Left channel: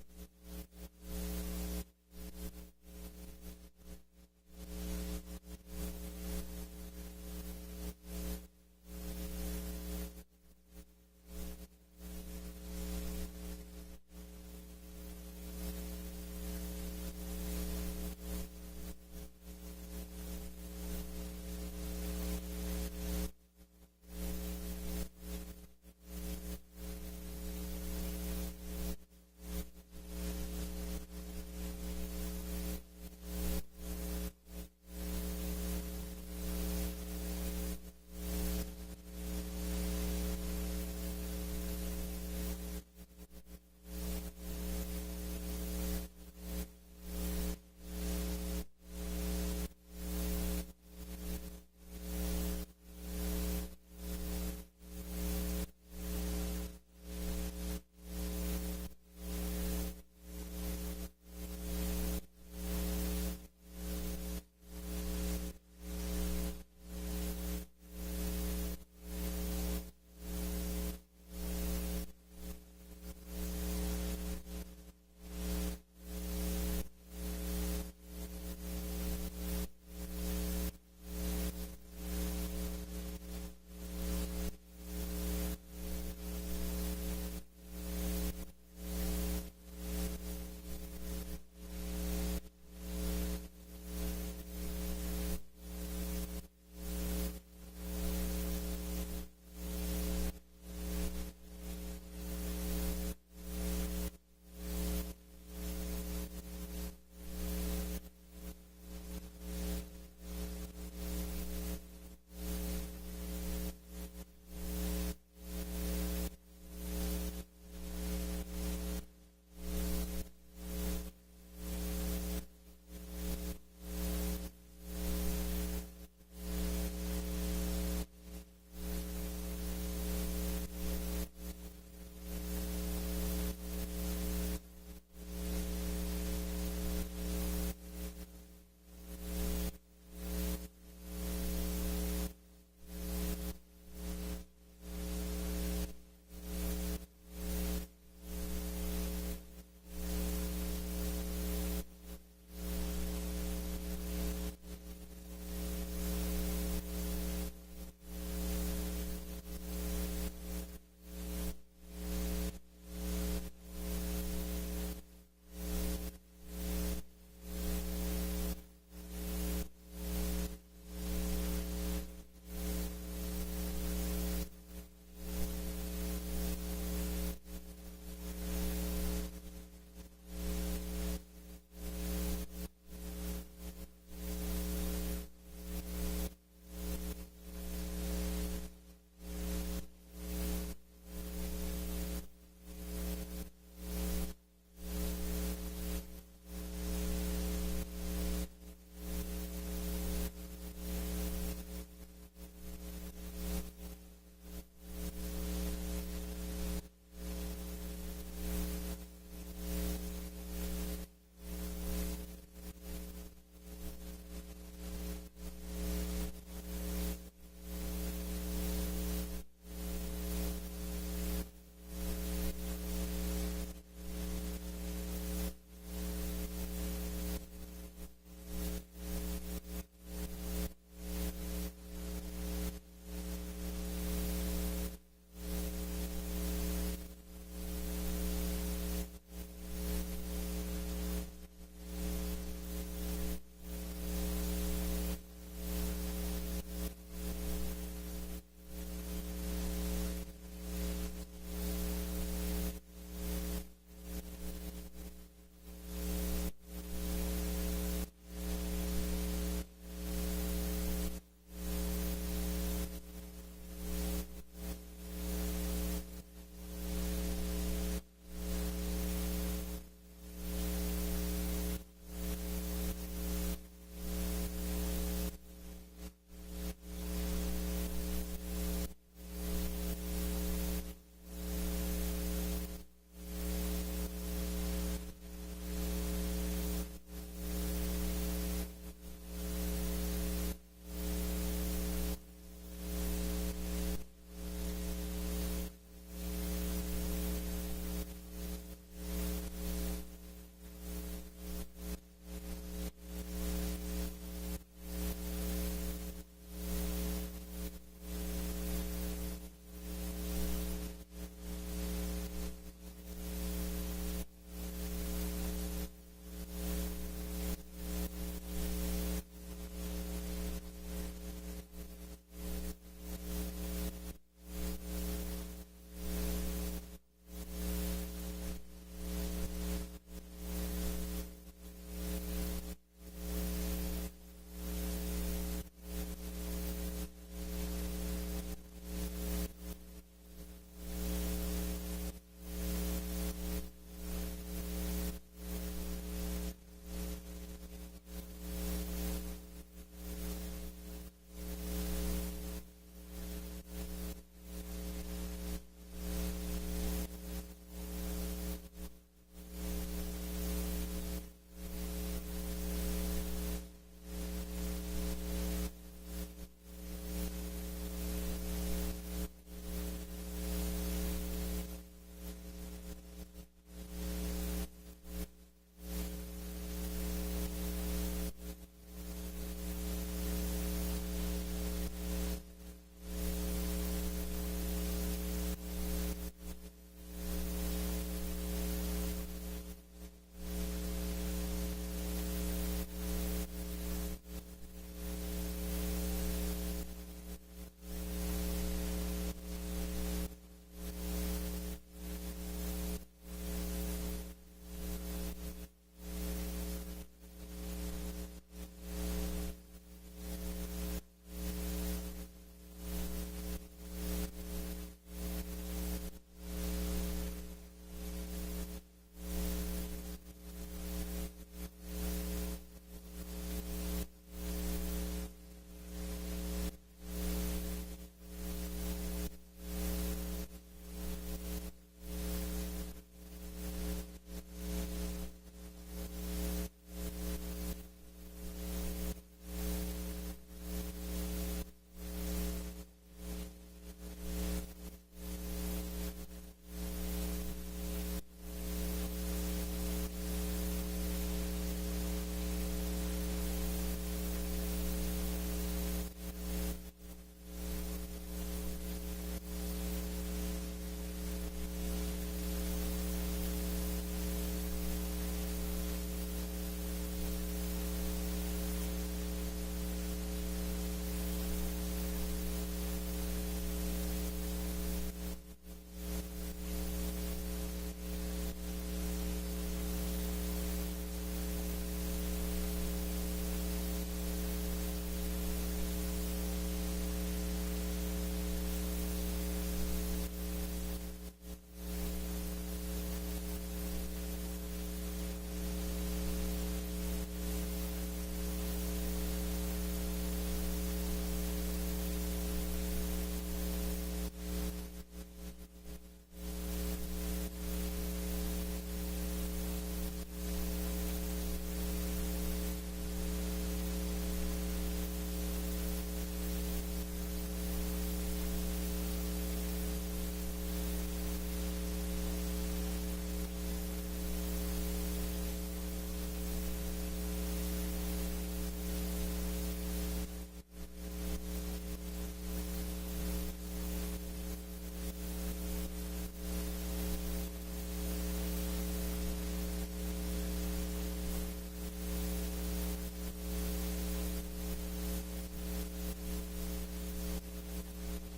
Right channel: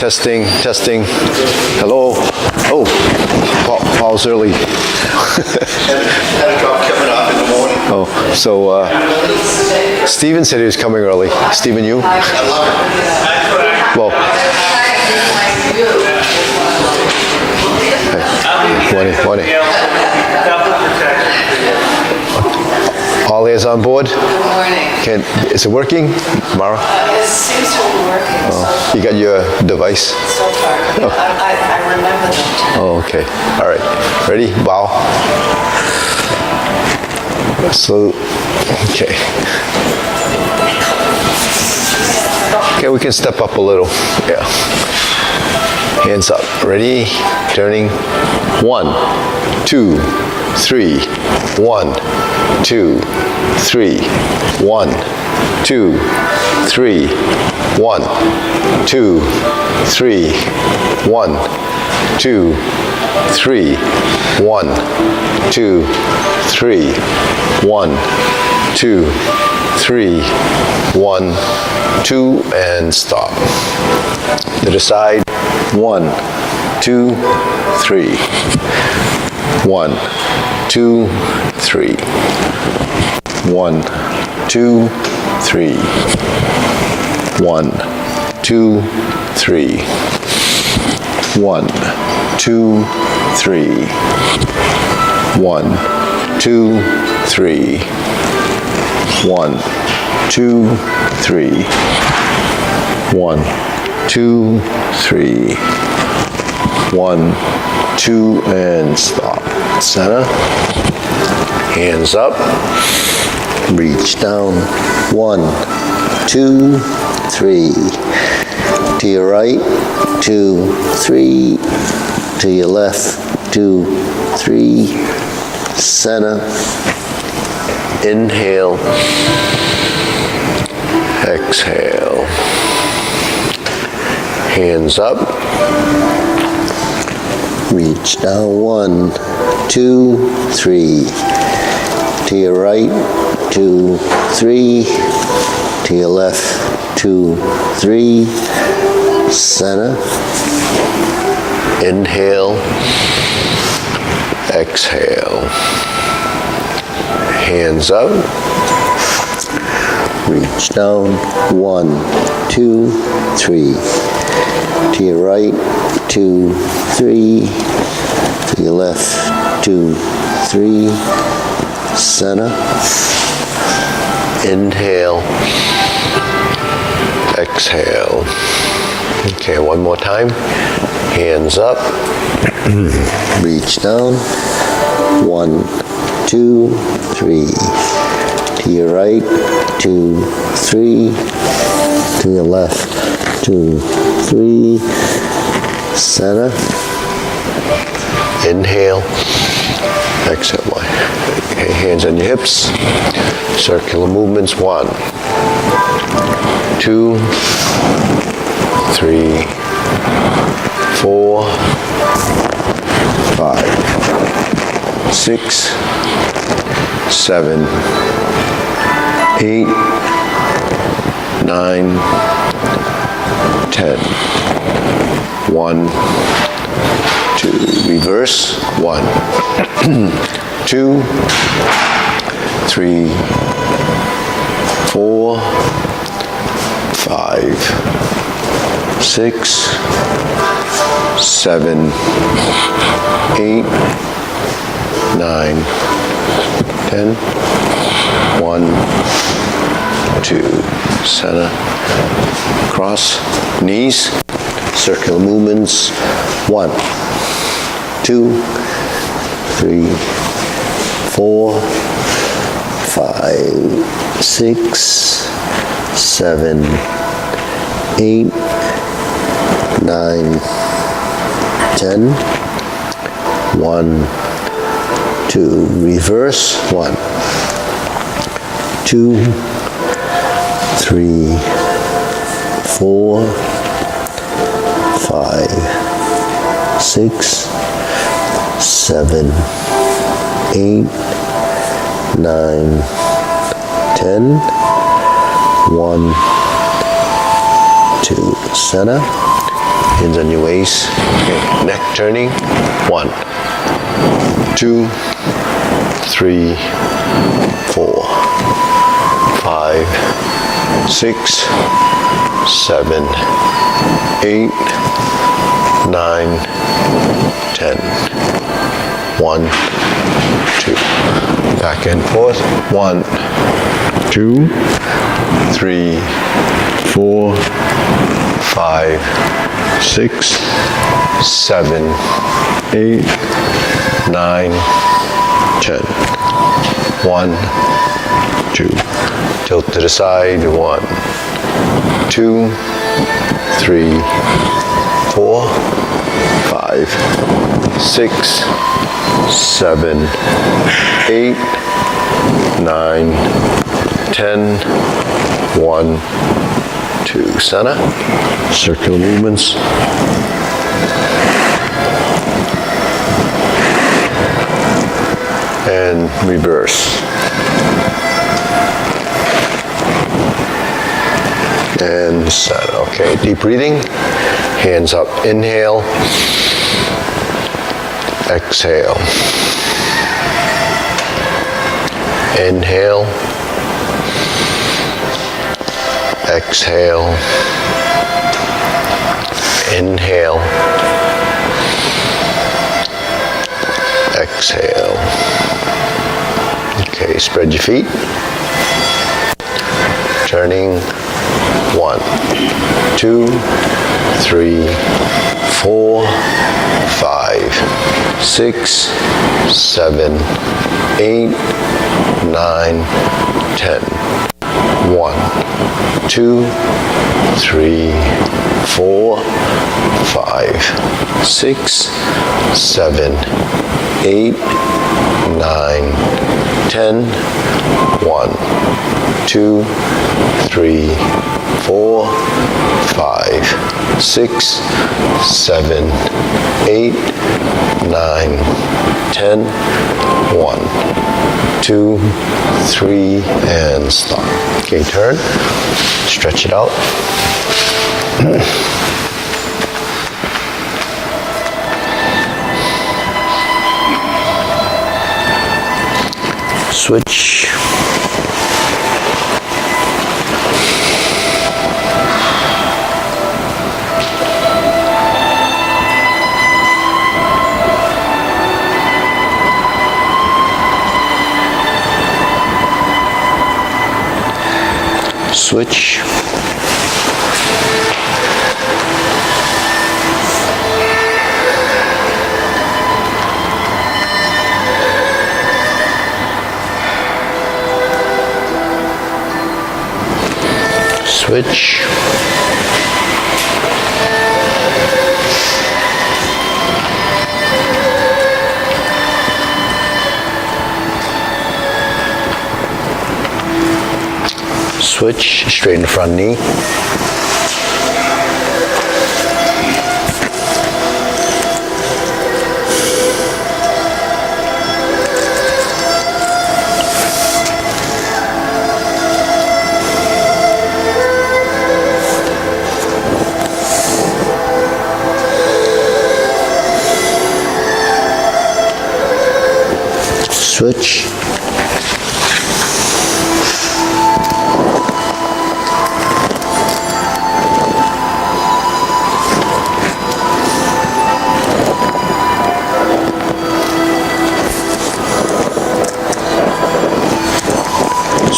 Testing, testing. Hello. Oh, Paul's early. Had a drop coming off in the morning. Oh, so Steven said he was coming early. Steven, you? I love it. Well, hey, morning. All hands on board? Good morning. Is it working, Mara? It seems to be working You got your device? so far. I remember them. Oh, okay. All right. Ready? Bow. So, okay. Okay, we can step up a little. Yeah. Hands up. Ready? Turning. 1, 2, 3. 1, 2, 3. 1, 2, 3. 1, 2, 3. 1, 2, 3. 1, 2, 3. 1, 2, 3. 1, 2, and stop. To the side. 1, 2, 3. 1, 2, 3. 1, 2, 3. 1, 2, 3. 1, 2, 3. 1, 2, 3. 1, 2, 3. 1, 2, 3. 1, 2, and stop. Center. Hands up. Reach down. 1, 2, 3. To your right. 2, 3. To your left. 2, 3. Center. Inhale. Exhale. Hands up. Reach down. 1, 2, 3. To your right. 2, 3. To your left. 2, 3. Center. Inhale. Exhale. Hands up. Reach down. 1, 2, 3. To your right. 2, 3. To your left. 2, 3. Center. Inhale. Exhale. Okay, one more time. Hands up. Reach down. 1, 2, 3. To your right. 2, 3. To your left. 2, 3. Center. Inhale. Exhale. Okay, hands on your hips. Circular movements. 1, 2, 3, 4, 5, 6, 7, 8, 9, 10. 1, 2. Reverse. 1, 2, 3, 4, 5, 6, 7, 8, 9, 10. 1, 2. Center. Cross. Knees. Circular movements. 1, 2, 3, 4, 5, 6, 7, 8, 9, 10. 1, 2. Reverse. 1, 2, 3, 4, 5, 6, 7, 8, 9, 10. 1, 2. Center. Hands on your waist. Okay. Neck turning. 1, 2, 3, 4, 5, 6, 7, 8, 9, 10. 1, 2. Back and forth. 1, 2, 3, 4, 5, 6, 7, 8, 9, 10. 1, 2. Tilt to the side. 1, 2, 3, 4, 5, 6, 7, 8, 9, 10. 1, 2. Center. Circular movements. And reverse. And center. Okay, deep breathing. Hands up. Inhale. Exhale. Inhale. Exhale. Inhale. Exhale. Okay, spread your feet. Turning. 1, 2, 3, 4, 5, 6, 7, 8, 9, 10. 1, 2, 3, 4, 5, 6, 7, 8, 9, 10. 1, 2, 3, 4, 5, 6, 7, 8, 9, 10. 1, 2, 3, and stop. Okay, turn. Stretch it out. Switch. Switch. Switch. Switch, straighten the front knee. Switch.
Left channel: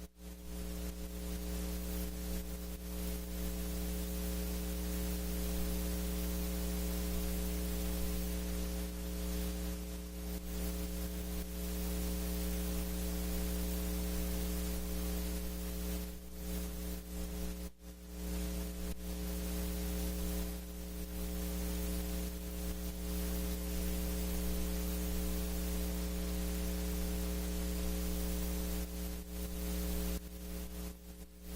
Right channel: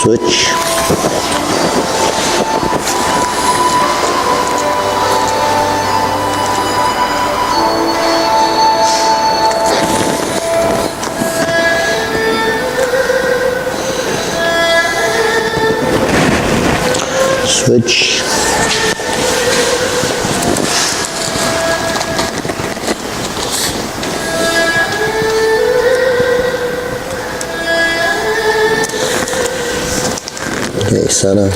Switch. Switch. Okay, center.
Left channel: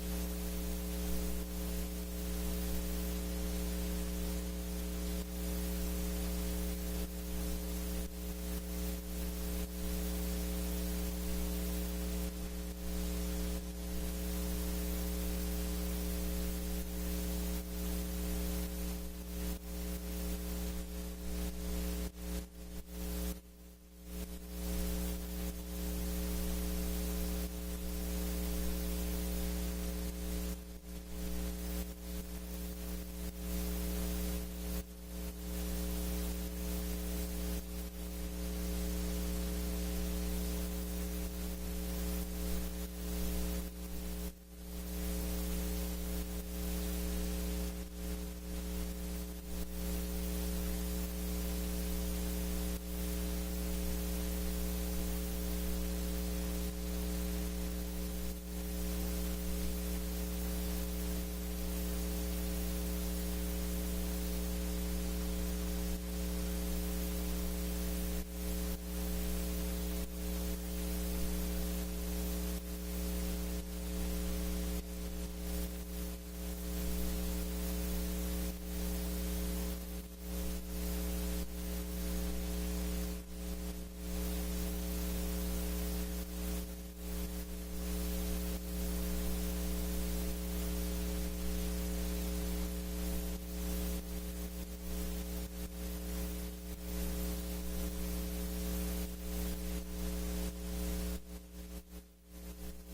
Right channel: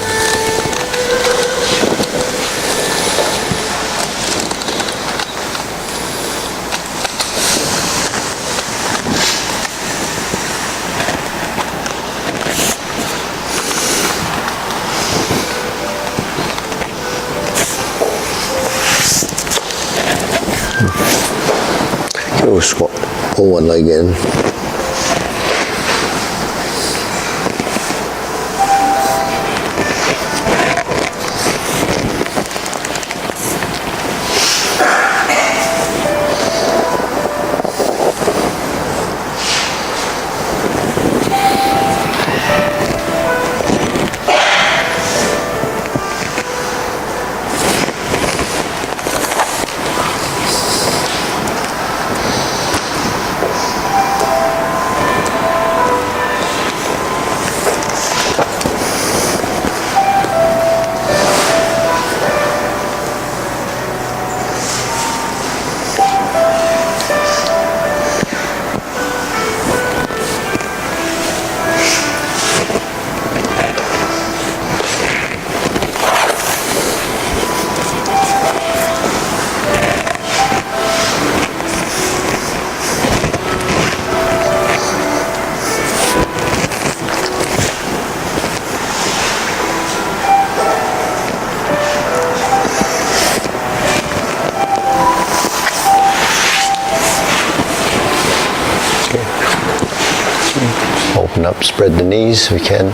We'll squat, pull one leg in. Open up, spread the knees if we can.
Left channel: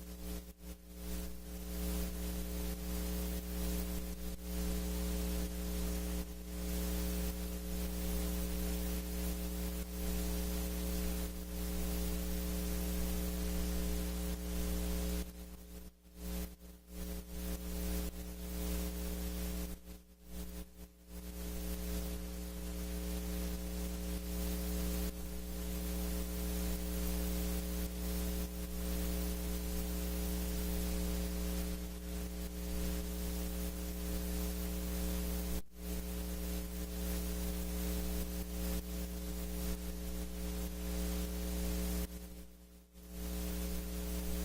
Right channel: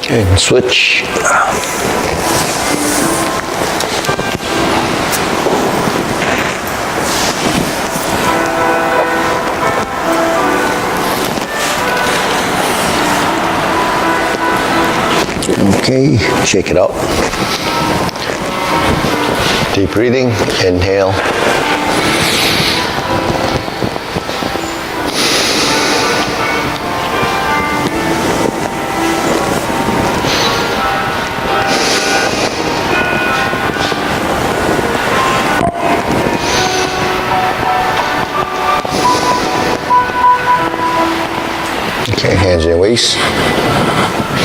Okay, and switch. Okay, shake it out. Deep breathing, inhale. Okay, hands in your waist,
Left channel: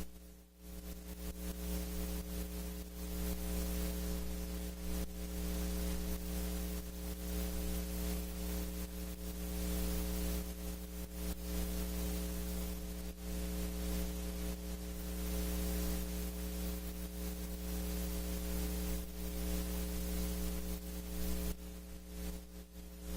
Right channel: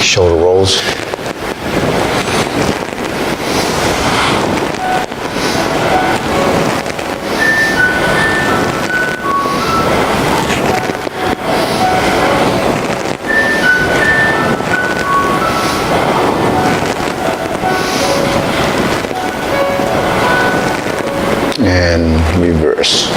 shoulder rolls. And reverse.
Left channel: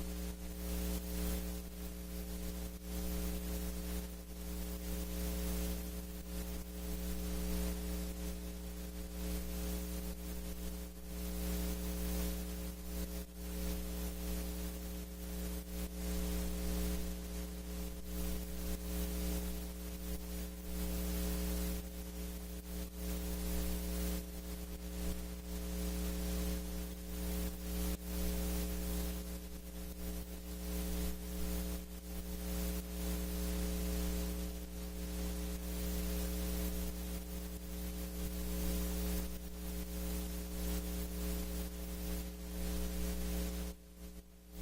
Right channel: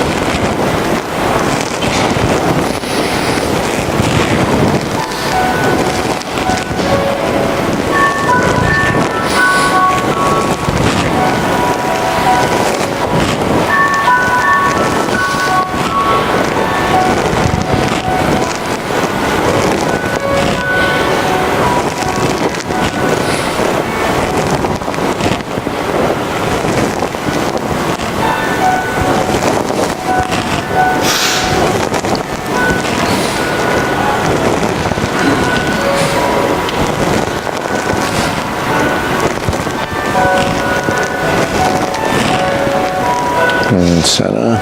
And center,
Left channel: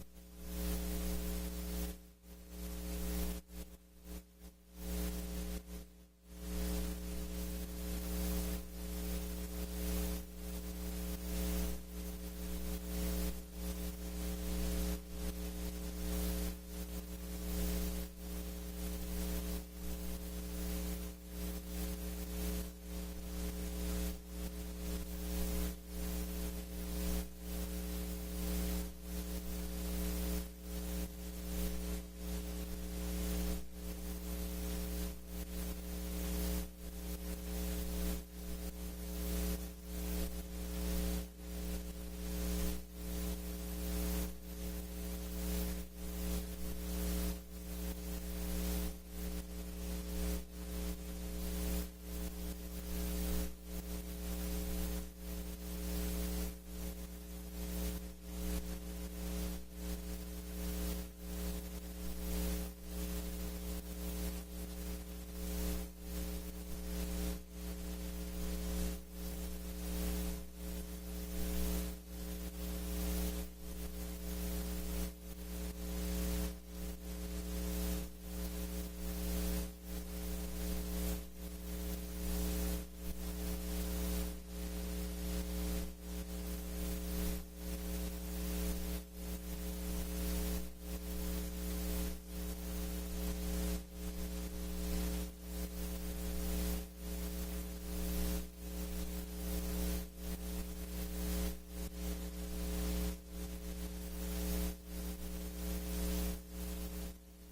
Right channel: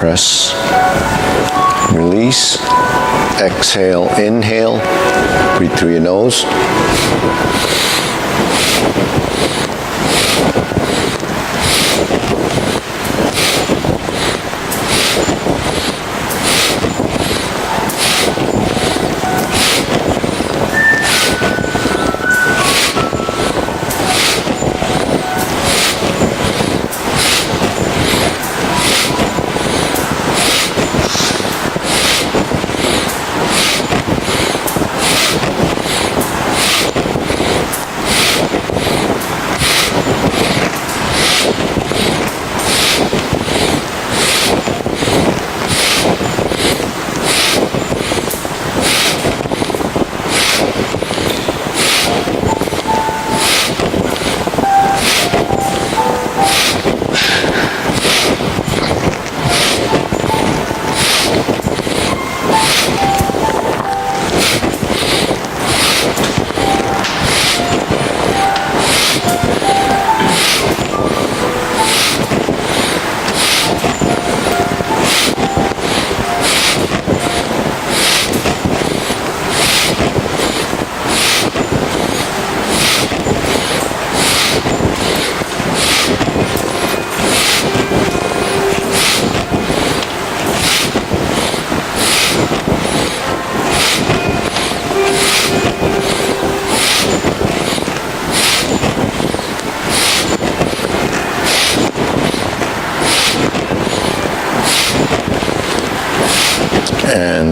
press, release, exhale, inhale, breathe through your nose.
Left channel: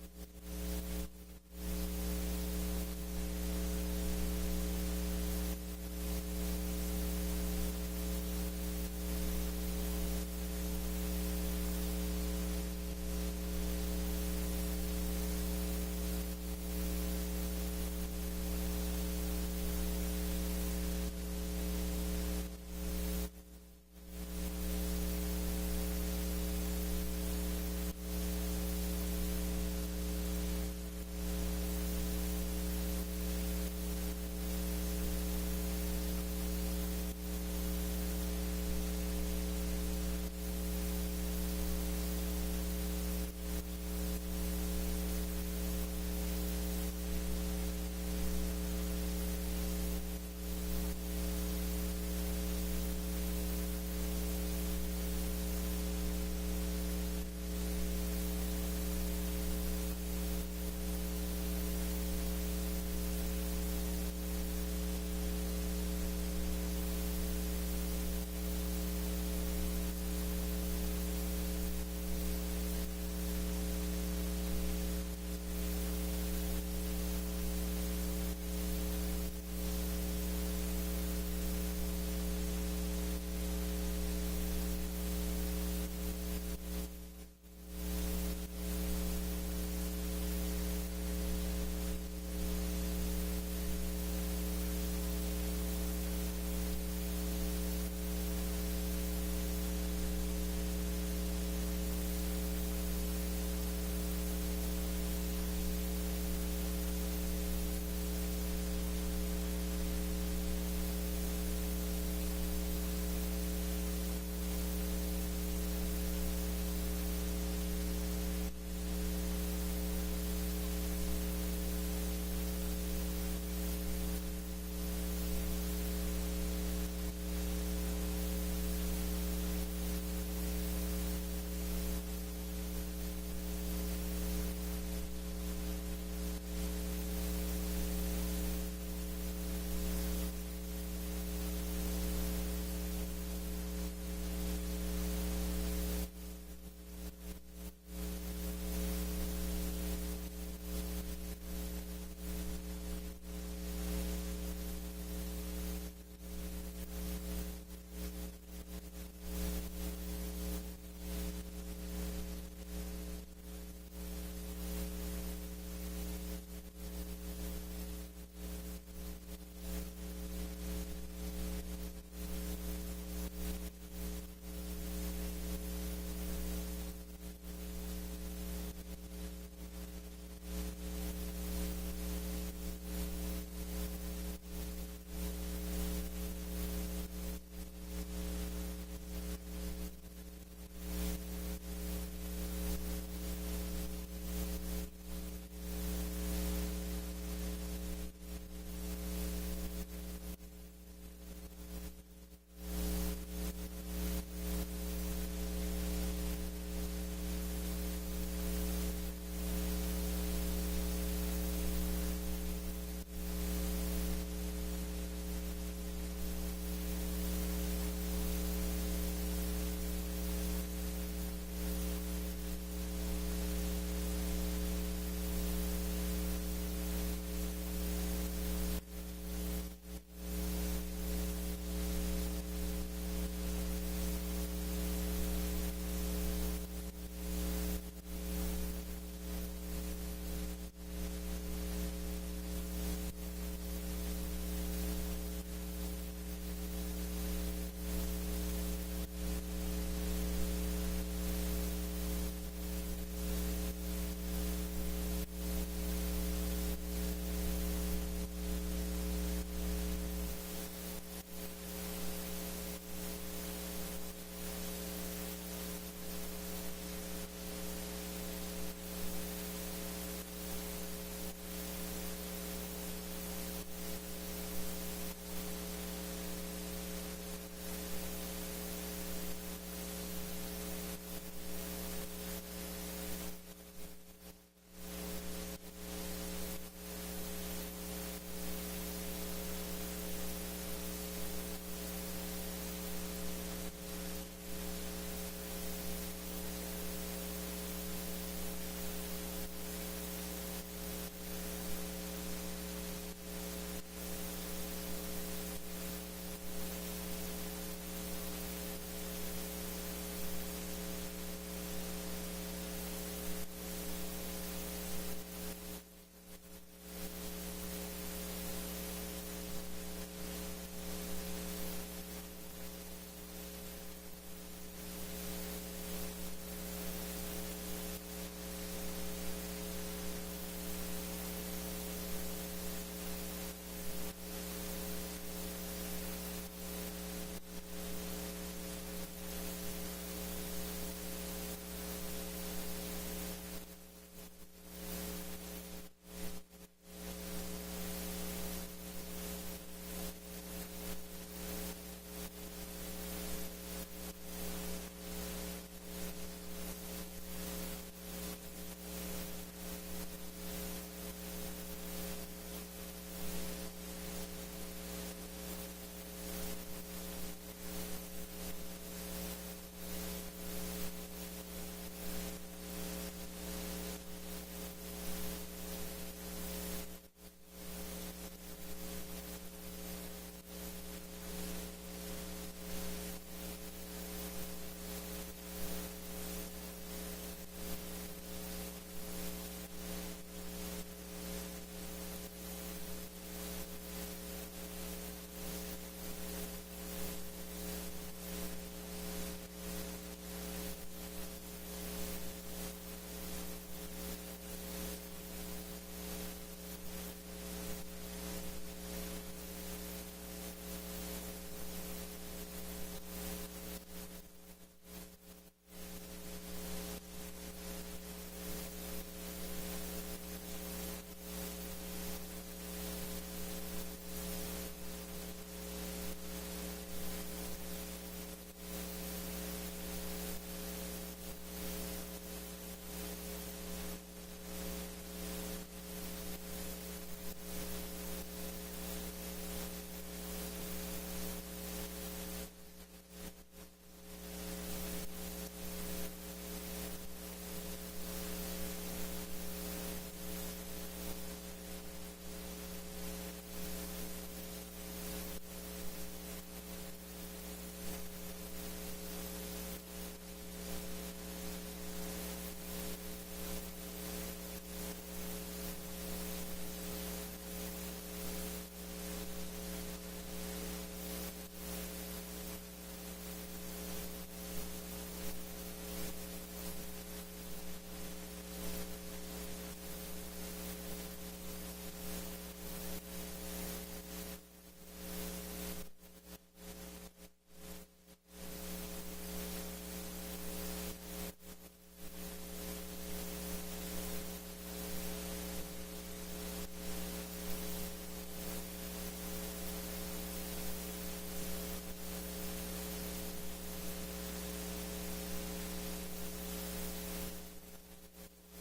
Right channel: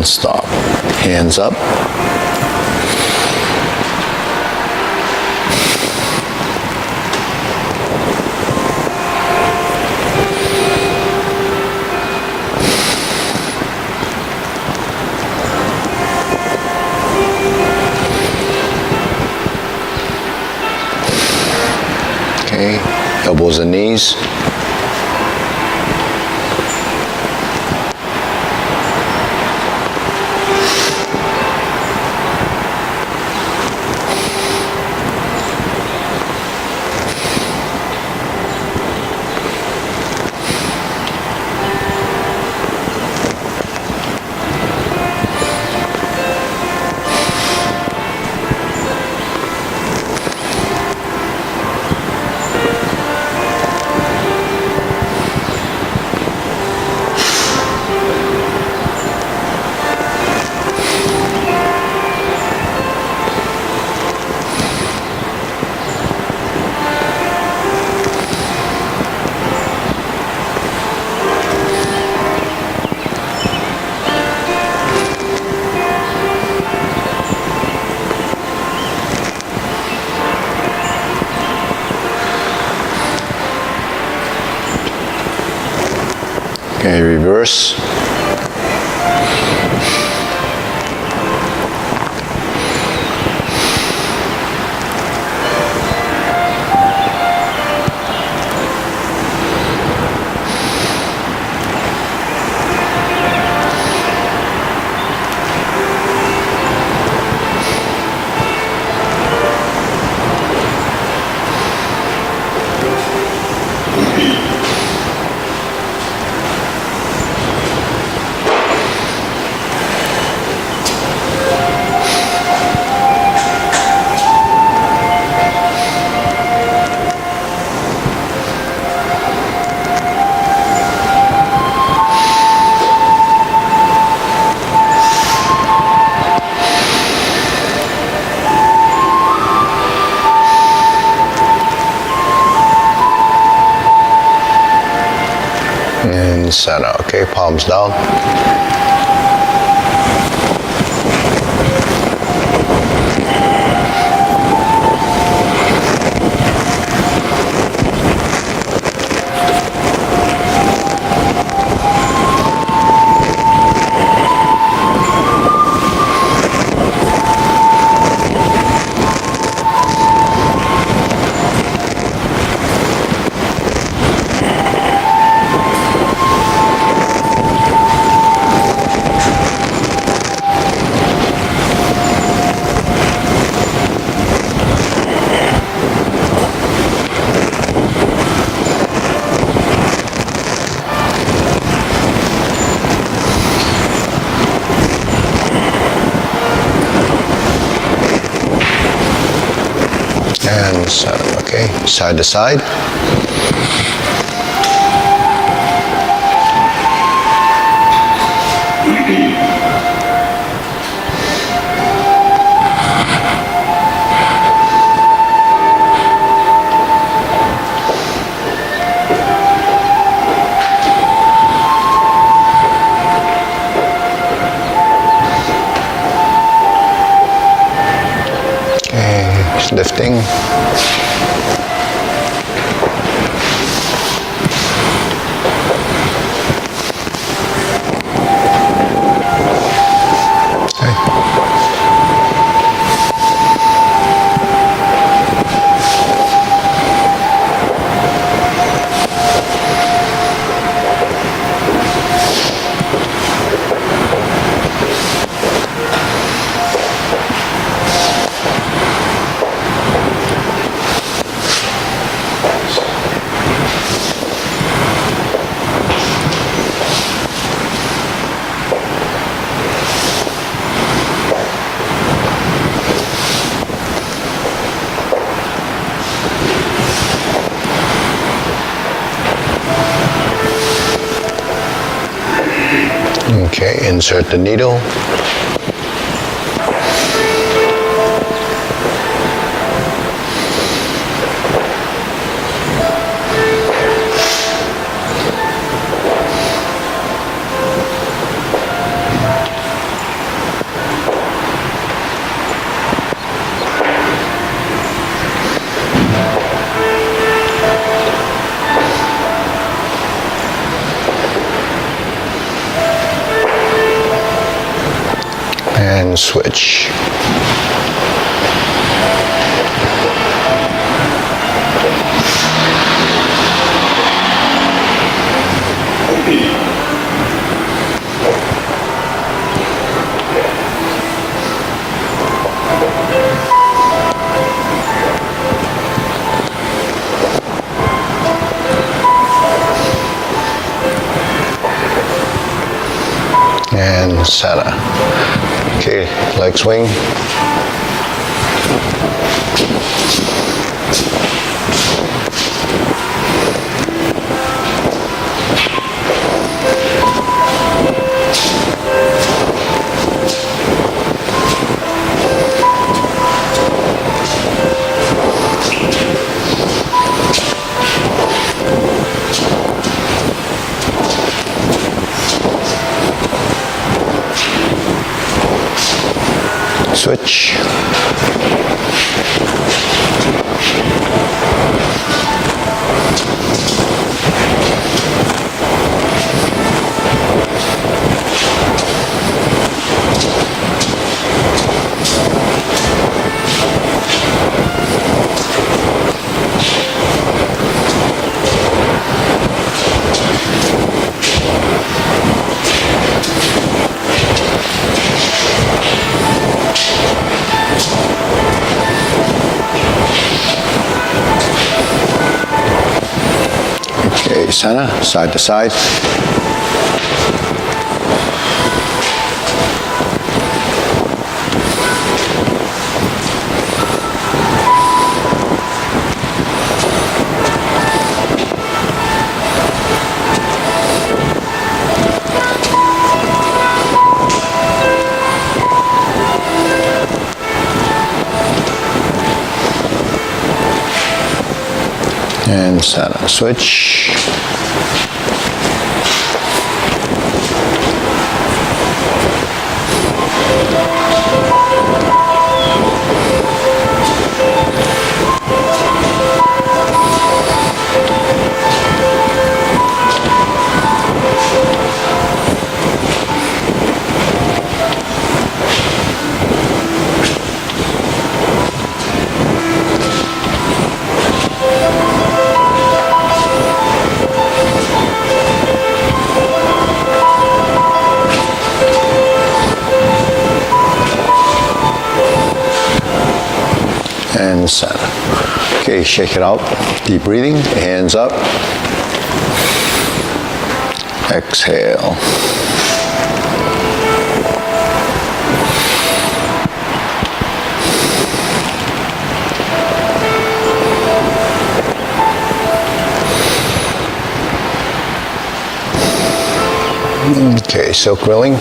and stop. Hands up. Okay, elbows and knees. Okay, reverse. And center, okay, palms down. And center, okay, side to side. Okay, lifting. Okay, insert the needle. and switch. And center. Okay, leg swing. Switch. Okay, center, side to side. And center, switch. And center. Okay, shake it out. Deep breathing, hands up. Exhale. Okay, silk grilling.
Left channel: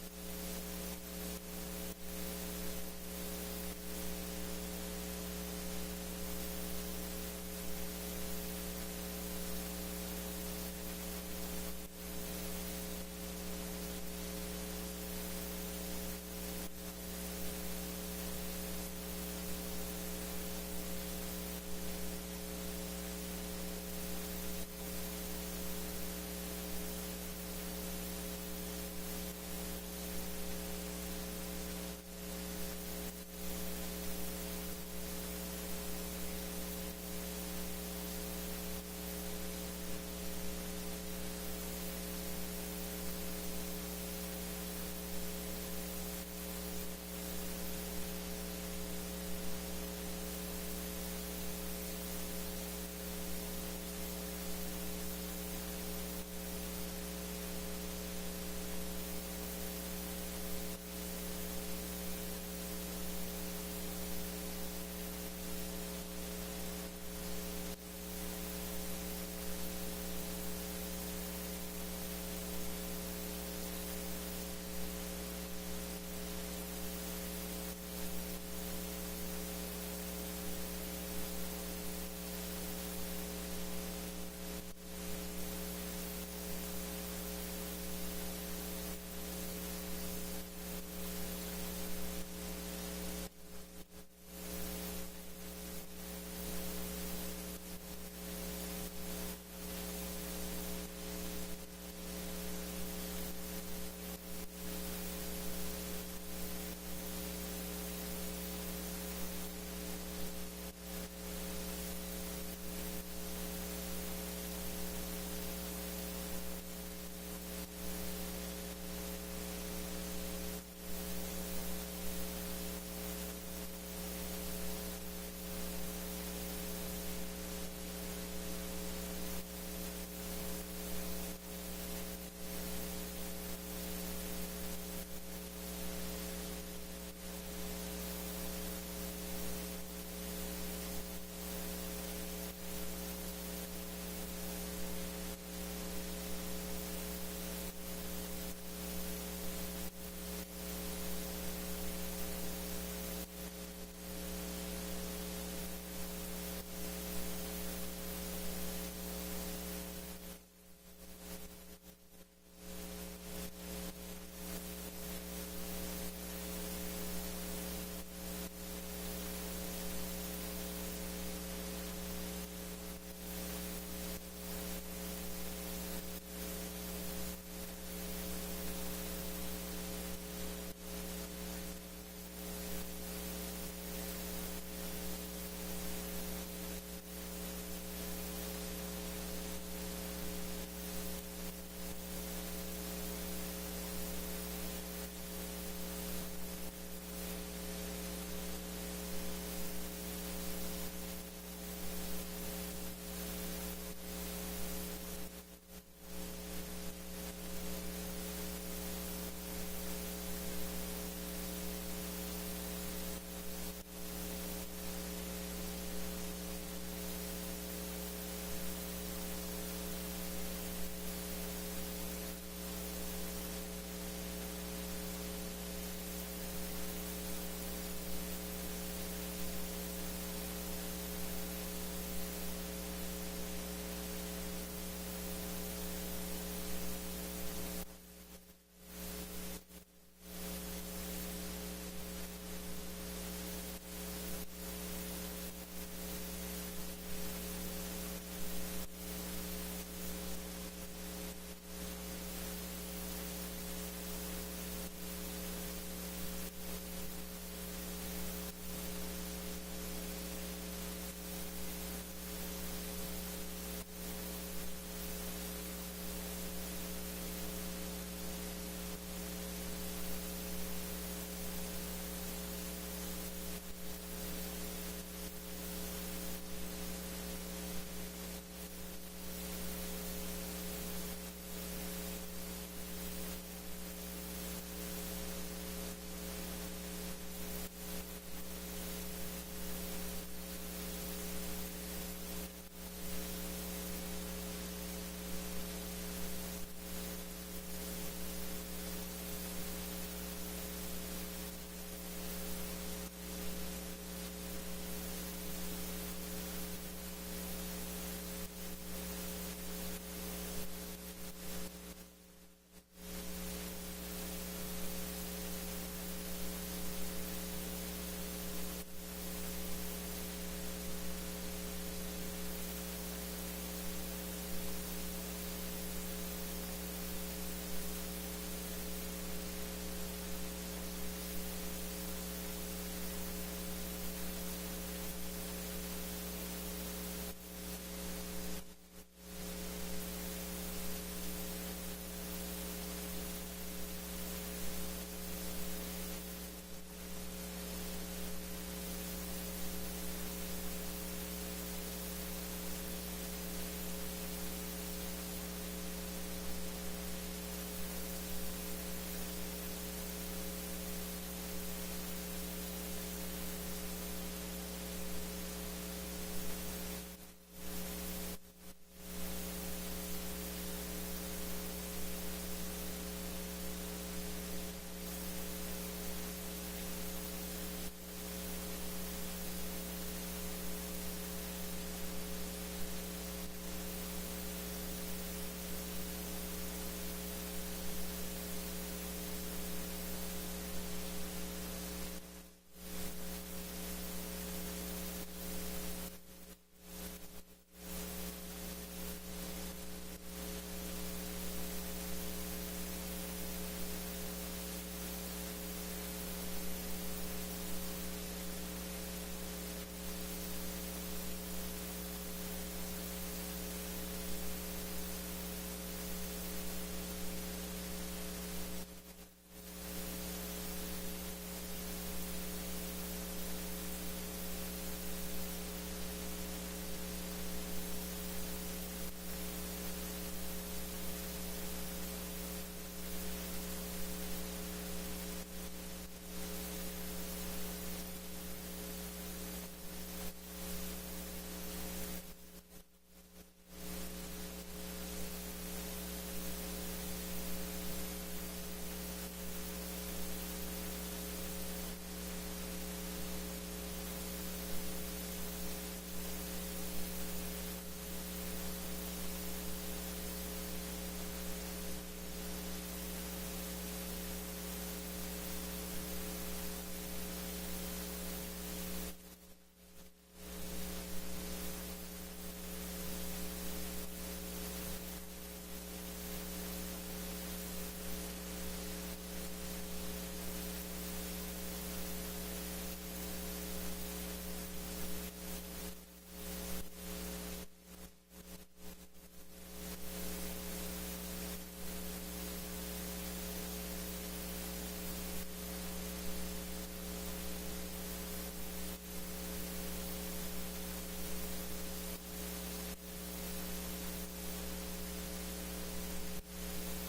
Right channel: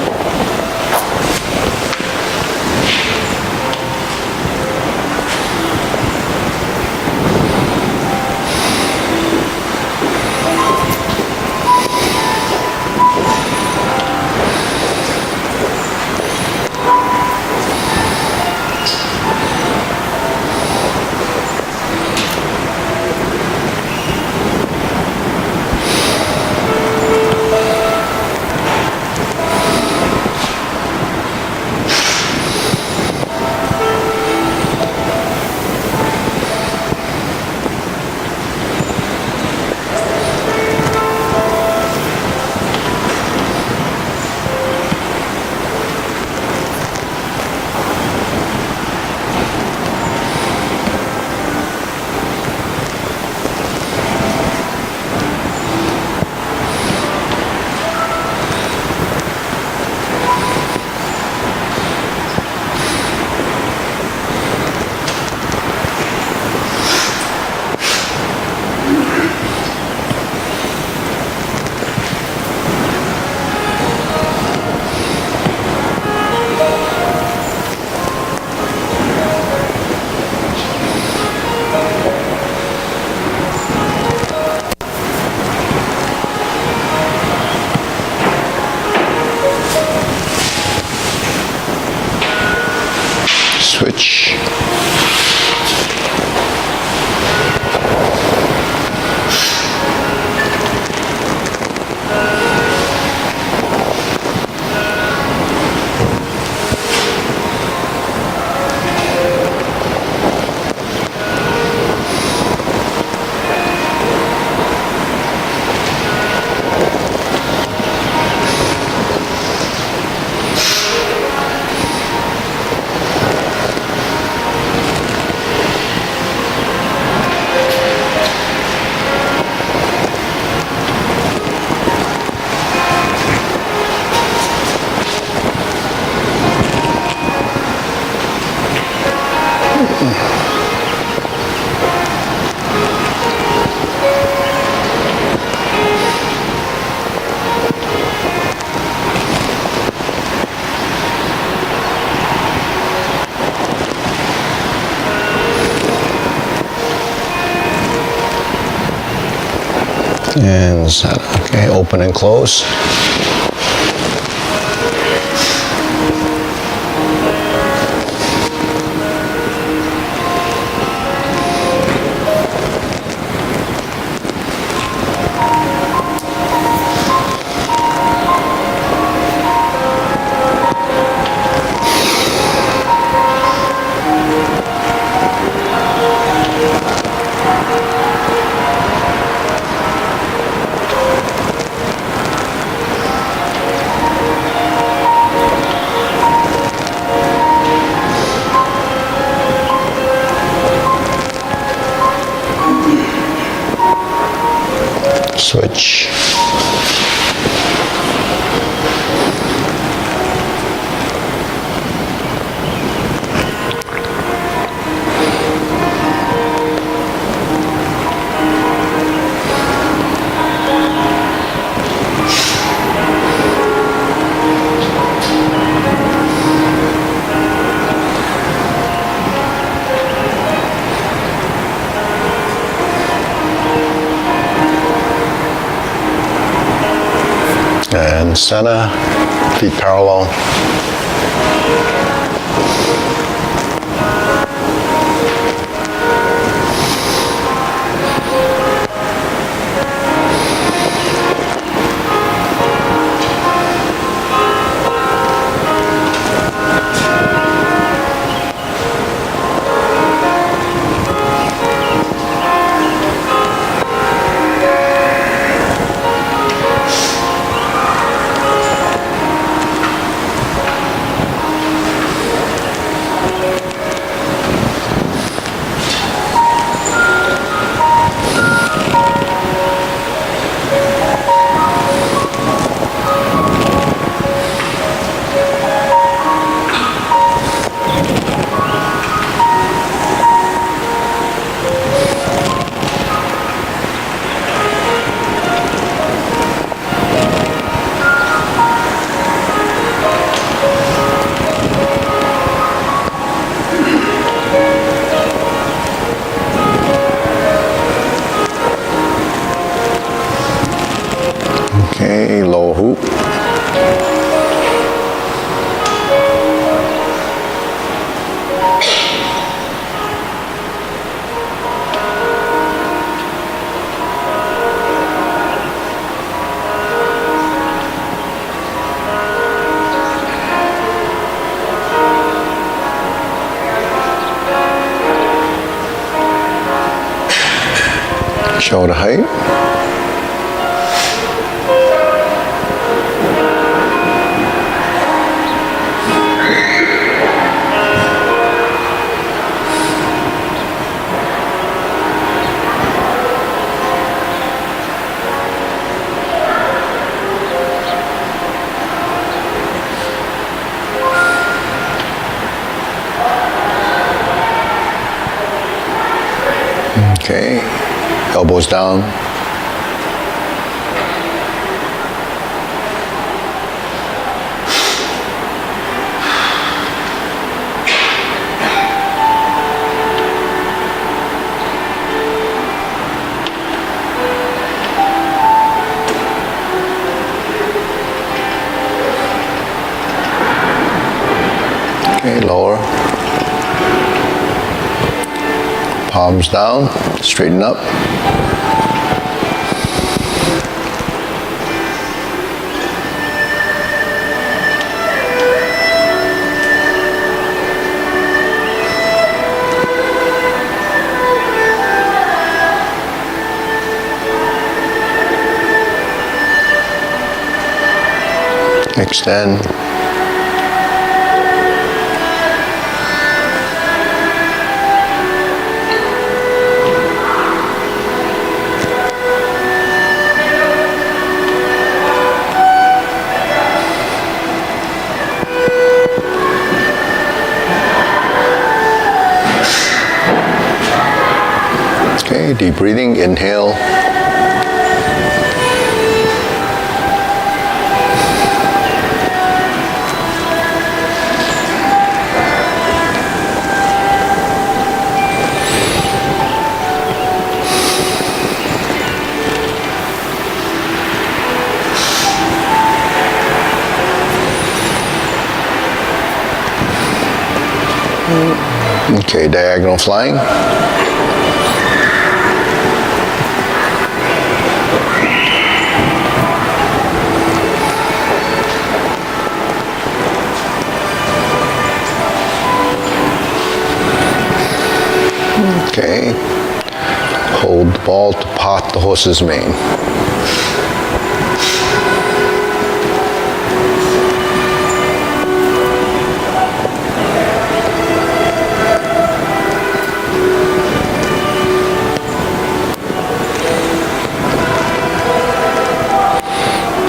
And Sana. Okay, open and close. Switch. And Sana, feet parallel. Okay, low hoop. Shoulder height. Okay, elbows down. Okay, lower. Palms down, straighten up. Extend. Okay, deep breathing, inhale. Okay, diagonal flying. Okay. Hold the ball to pot the horse's mane.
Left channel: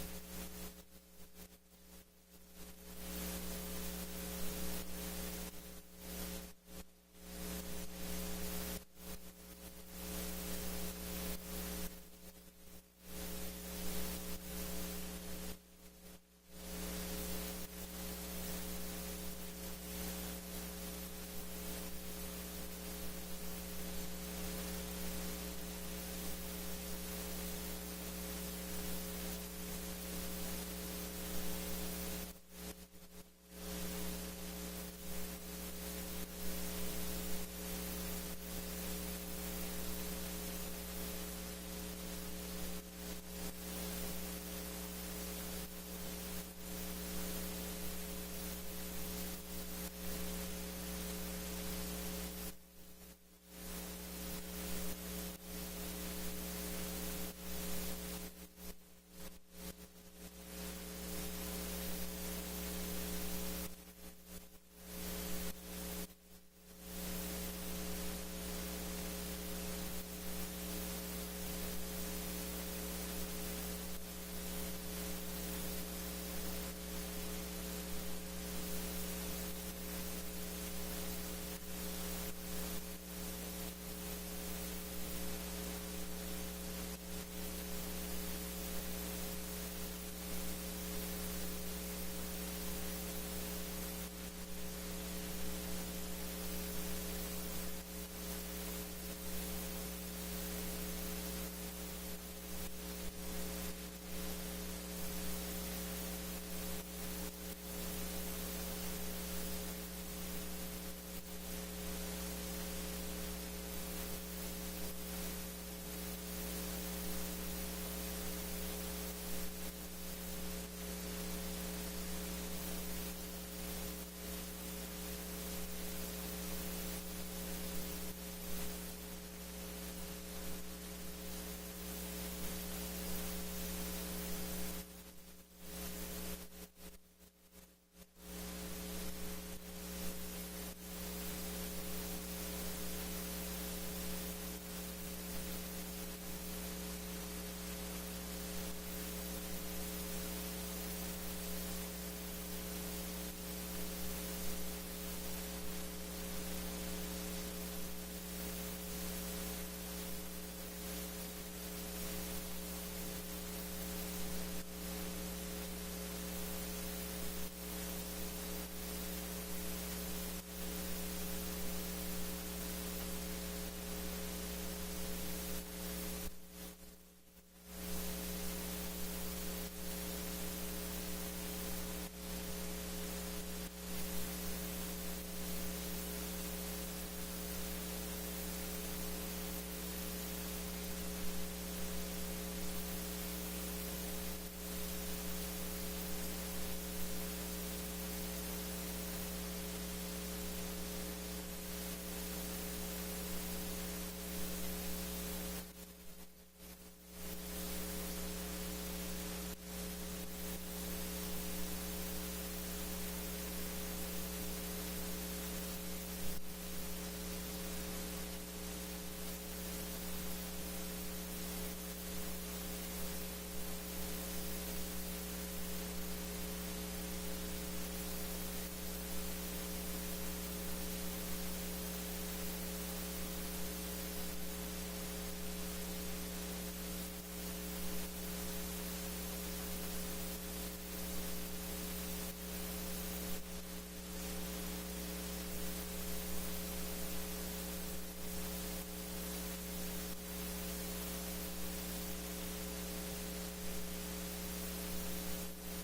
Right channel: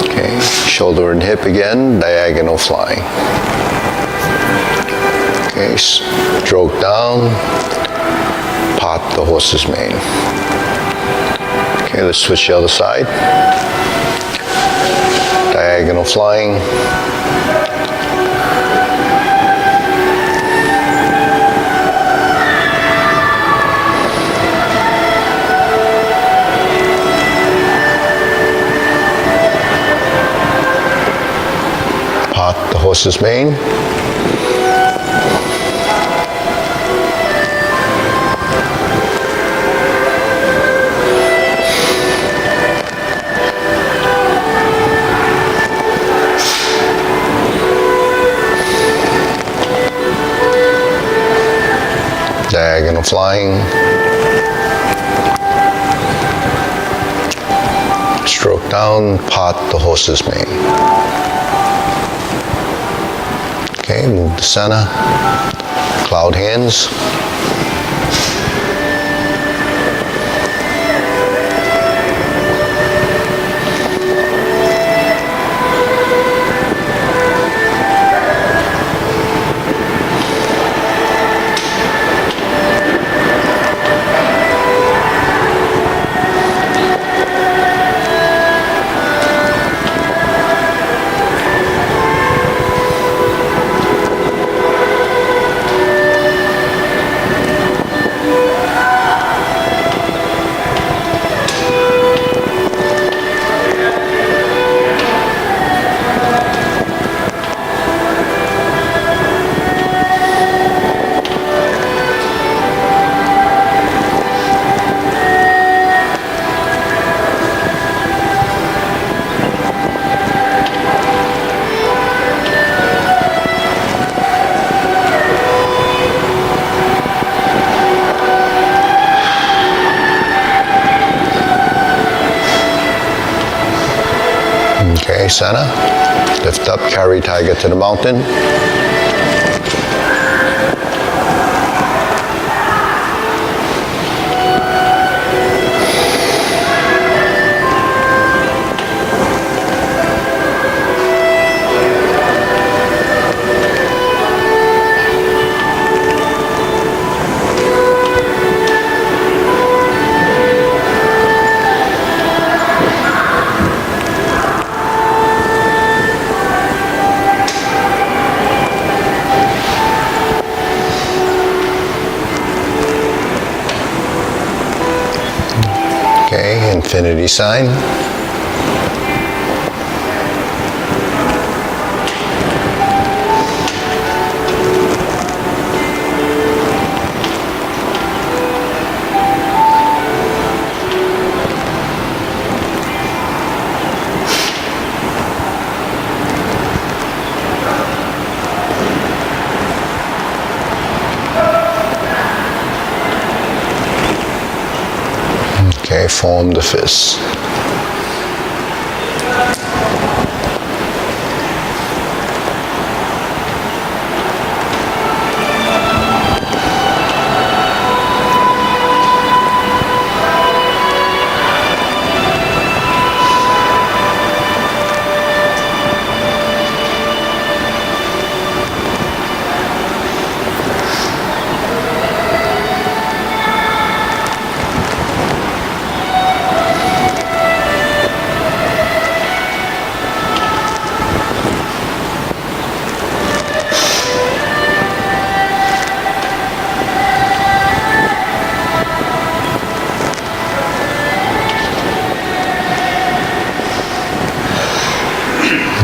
Okay, shoulder and hip again, diagonal flying. Okay, stroke down, pot the horse's mane. Okay, let's switch the other side. Diagonal flying. Pot the horse's mane. Diagonal flying. Stroke down, pot the horse's mane. Okay, move to center. Cloud hands. Okay, center. Lift up, carry tiger to the mountain. Okay, infinity sign. Okay, form the fist.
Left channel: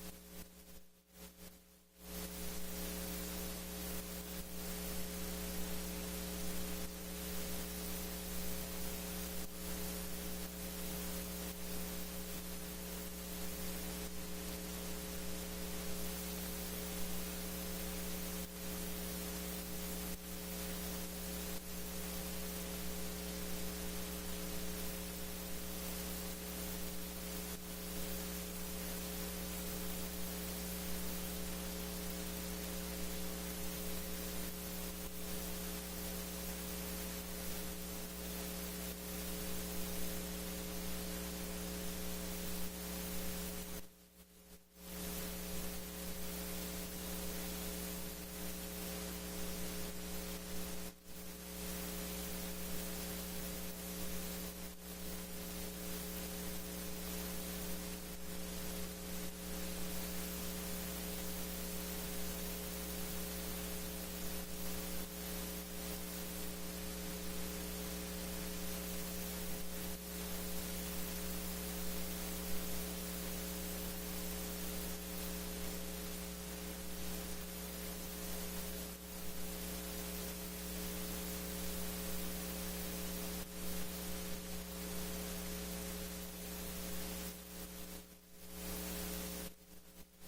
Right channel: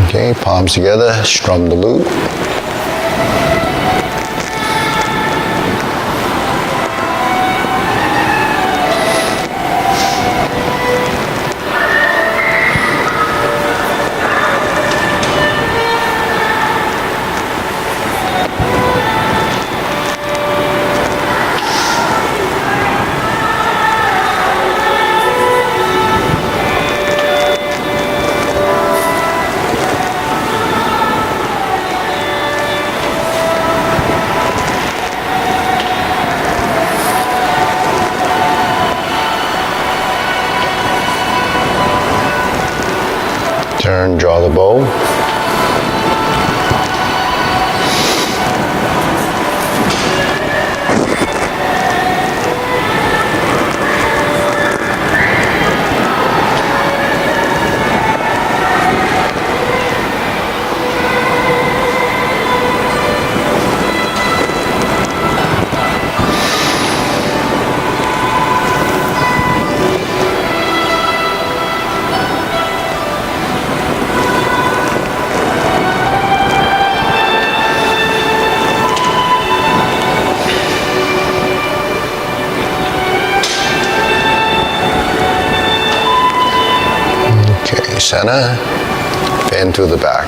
Okay, palms together, strum the lute. Turn, draw the bow. Okay, center, bend to the back.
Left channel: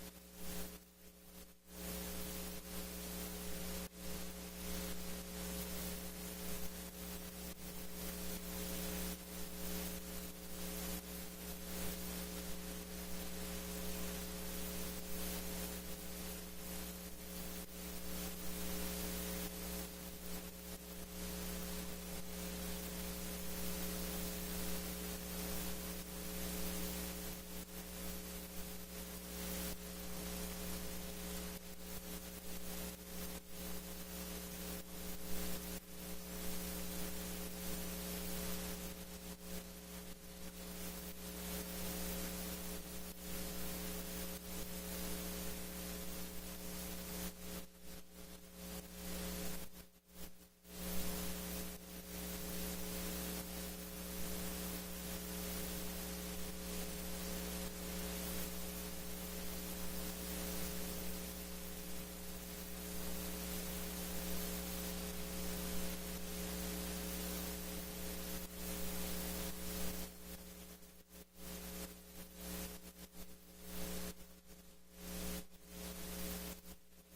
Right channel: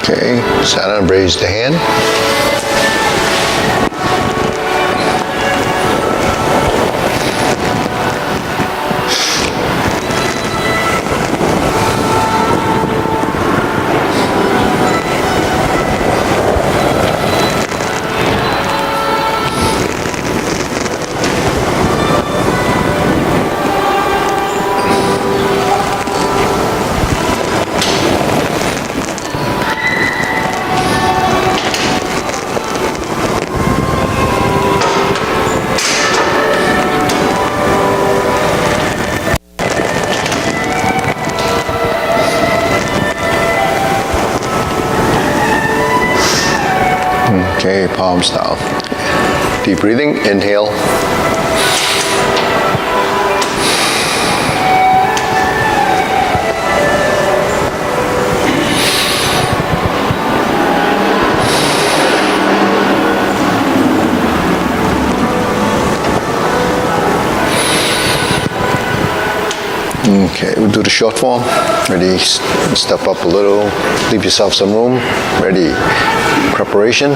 Okay, center, raise the hand. Okay, palms down. Deep breathing, inhale. Okay, we'll do the short form. Ready, step up a little, leave yourself some room. Ready, preparation.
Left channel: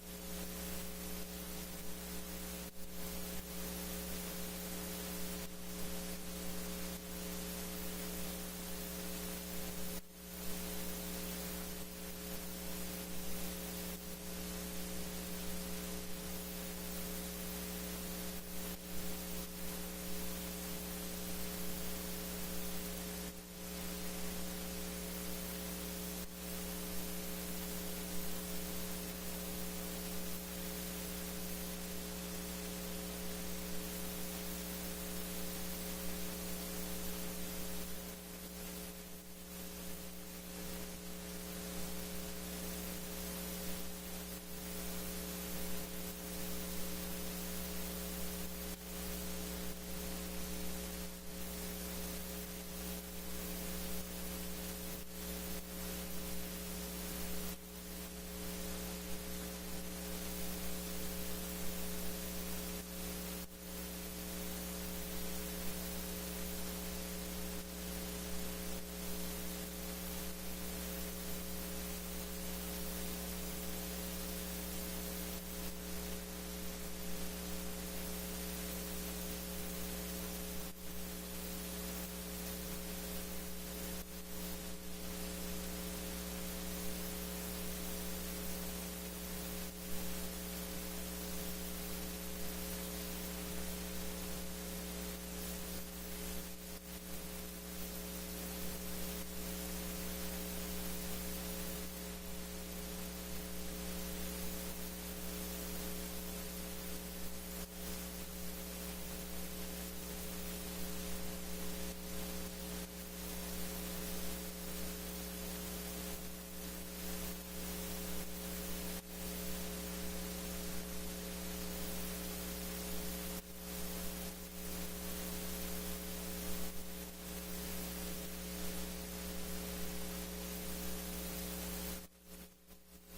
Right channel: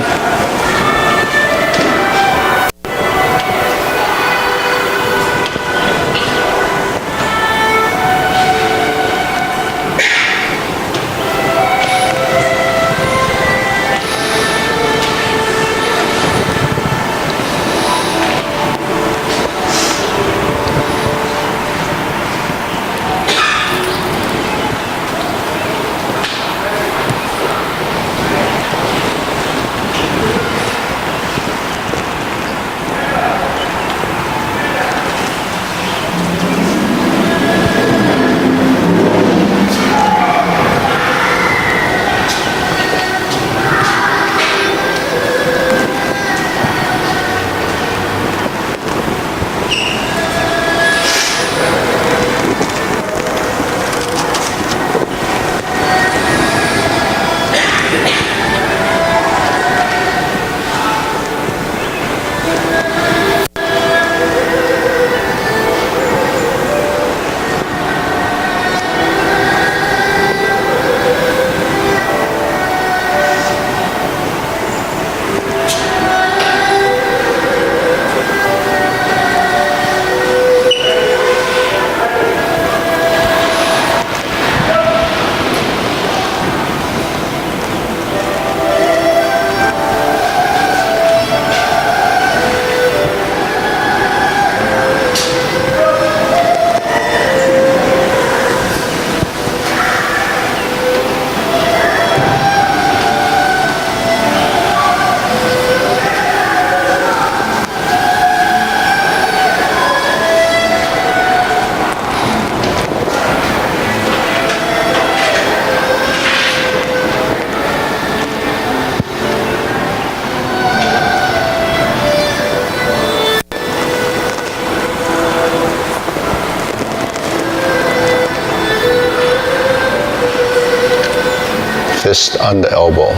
Fist on the elbow.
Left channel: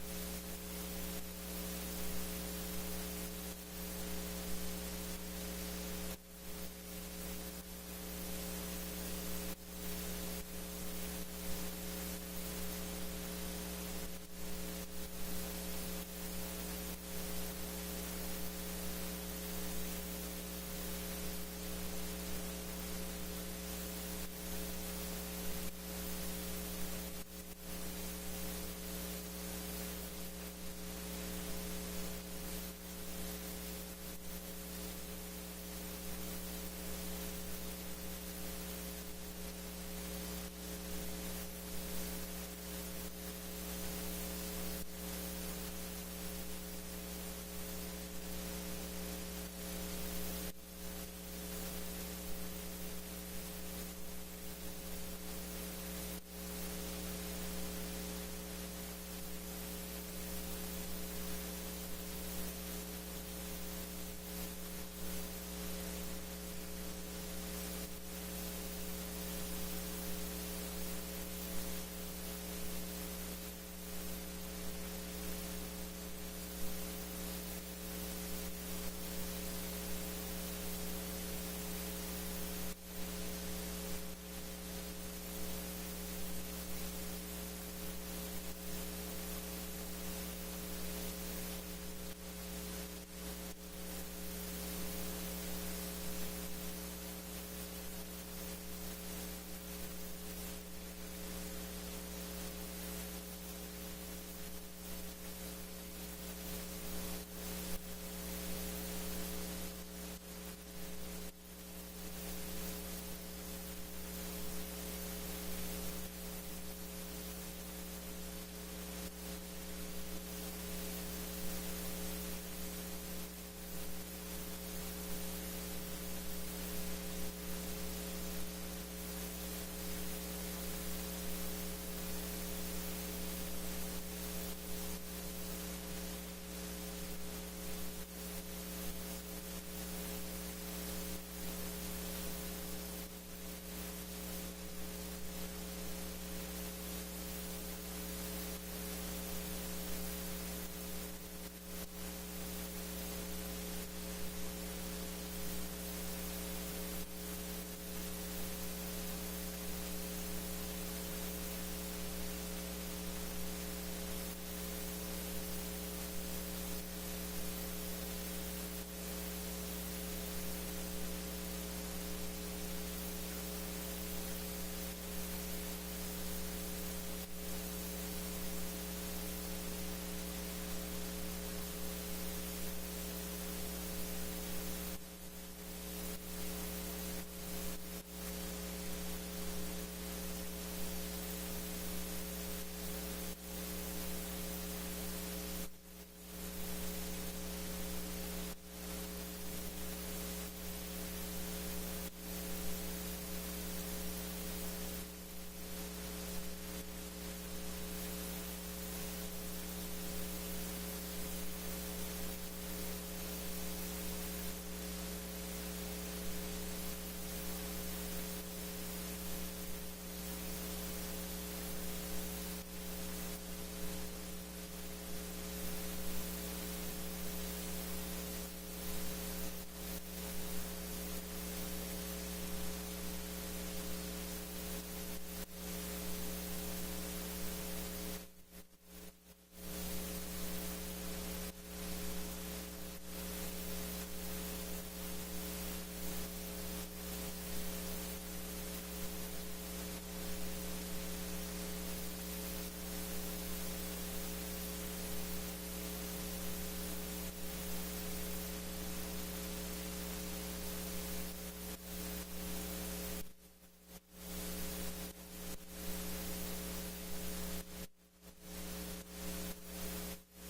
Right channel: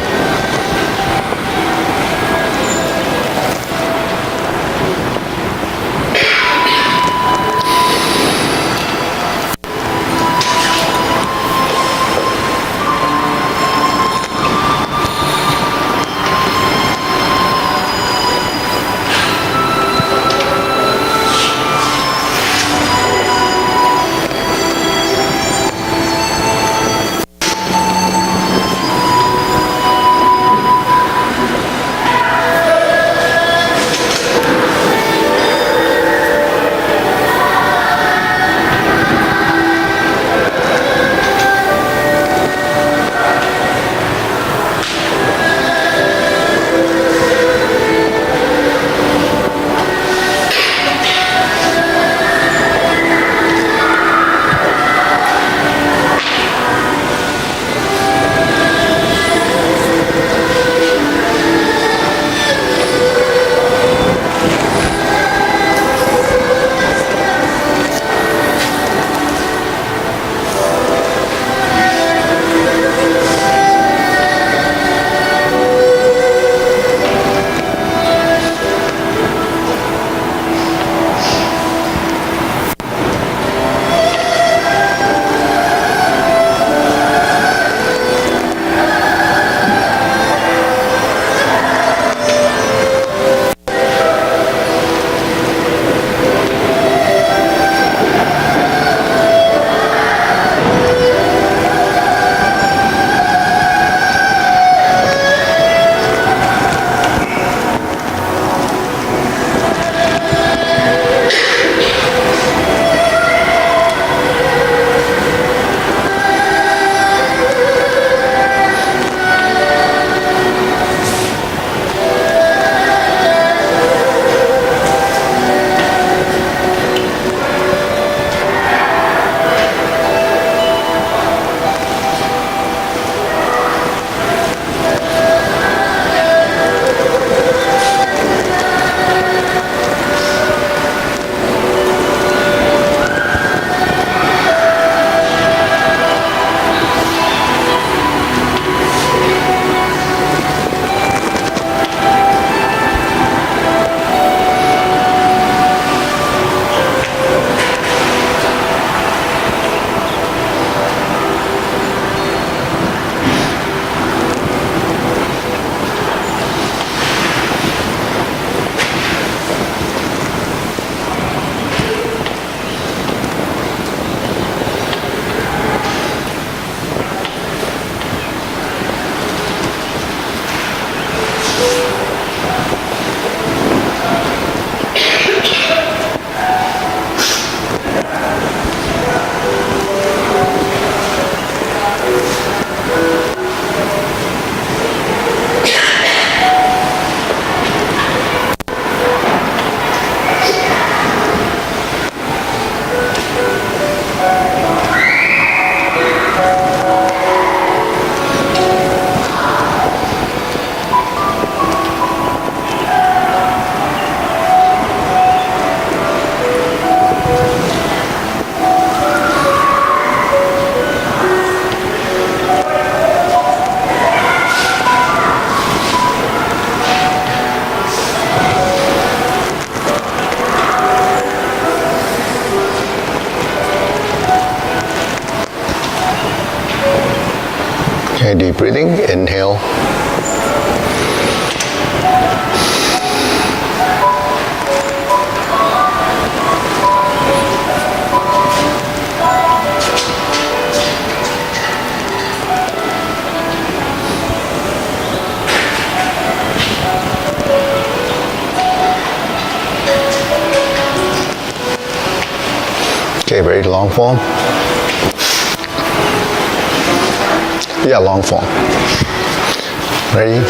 Deep breathing, inhale. Okay, ready to long form? Yeah, long form. Ready?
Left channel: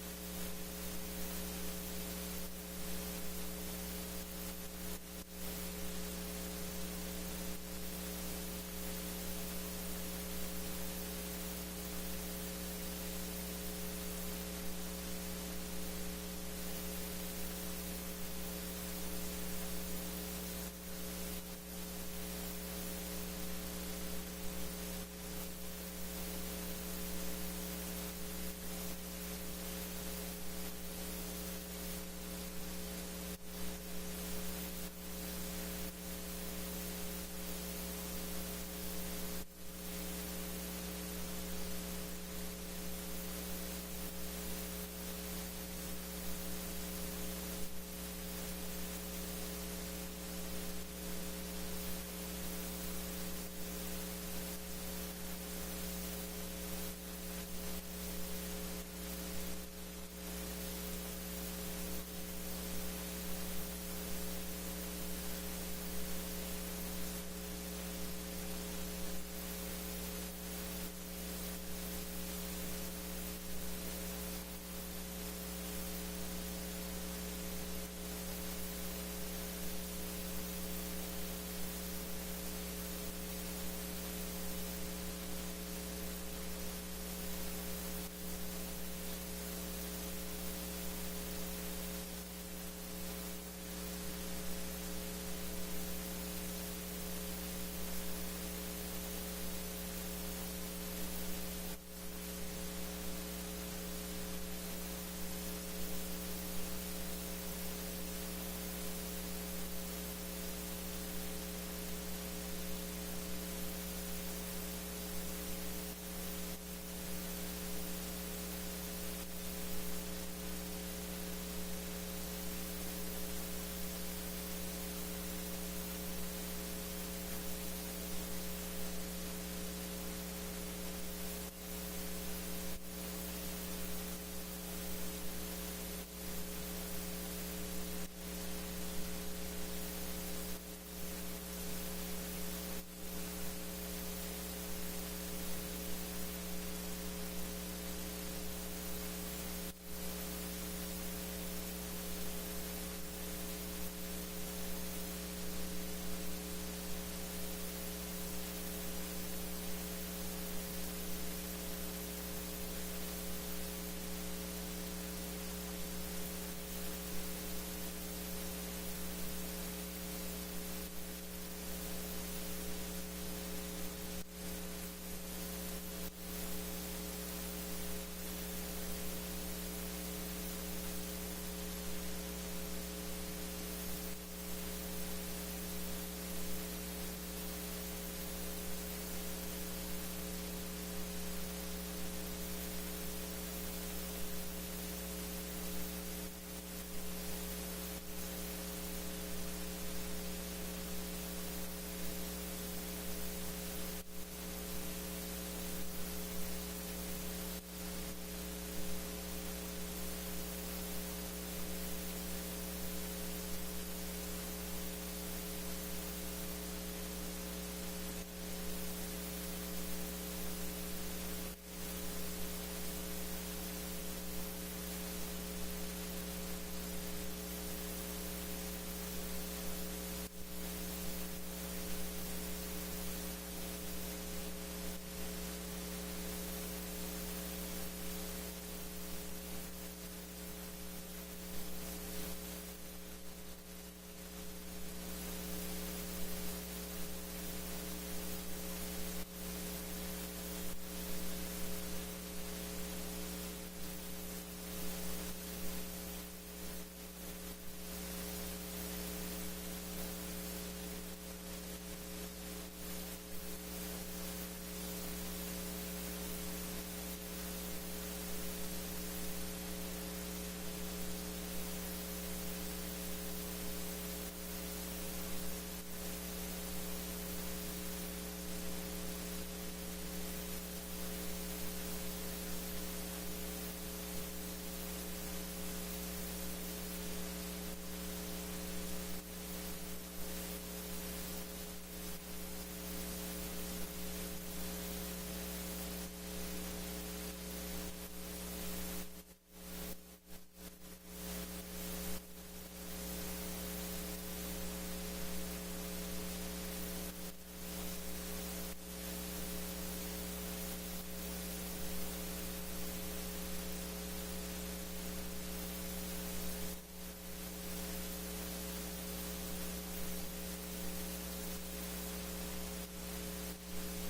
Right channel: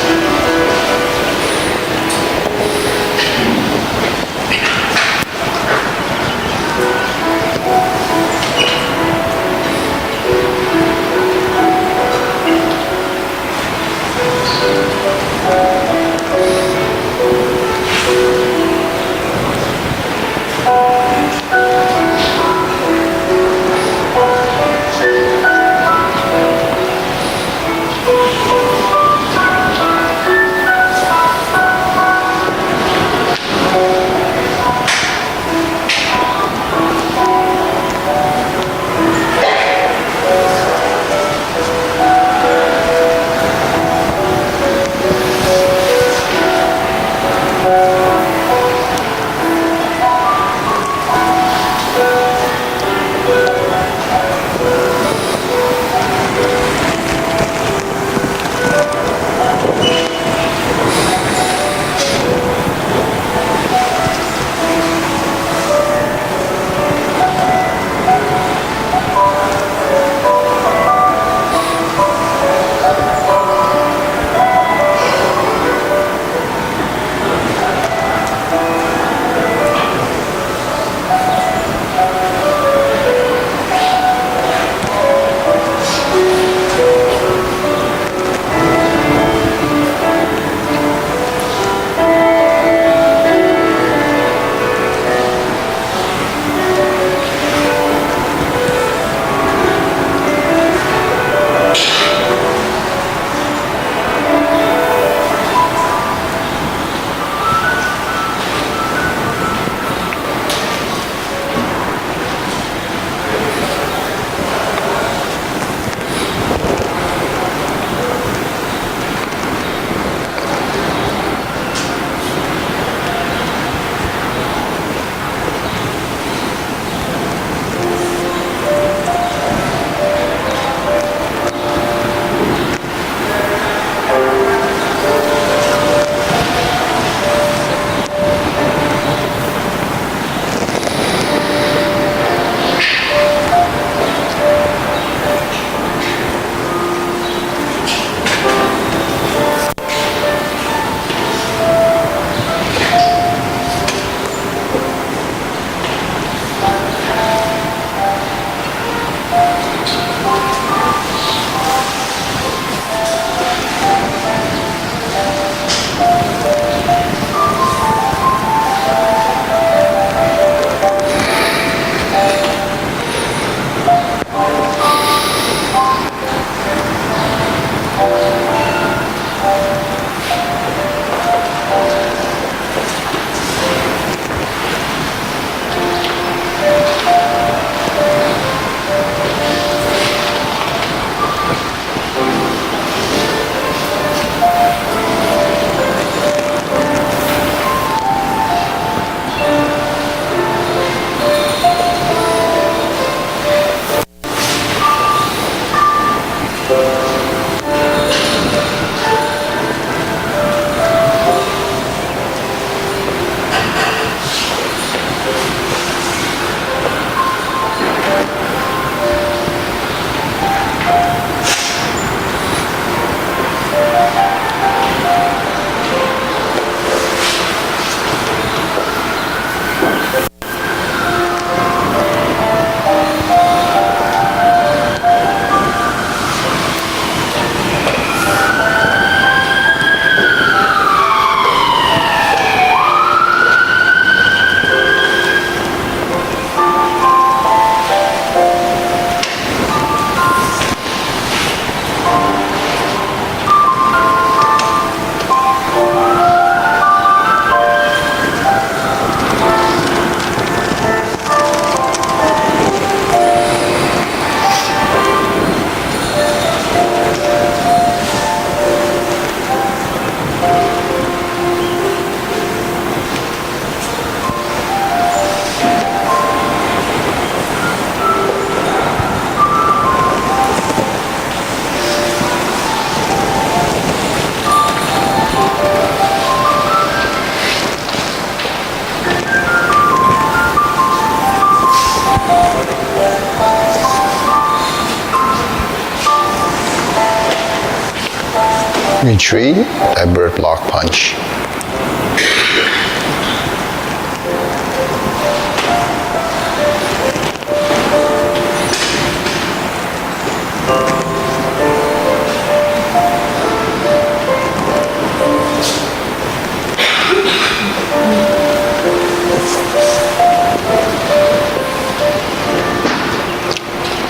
Retreat, that bird block punch.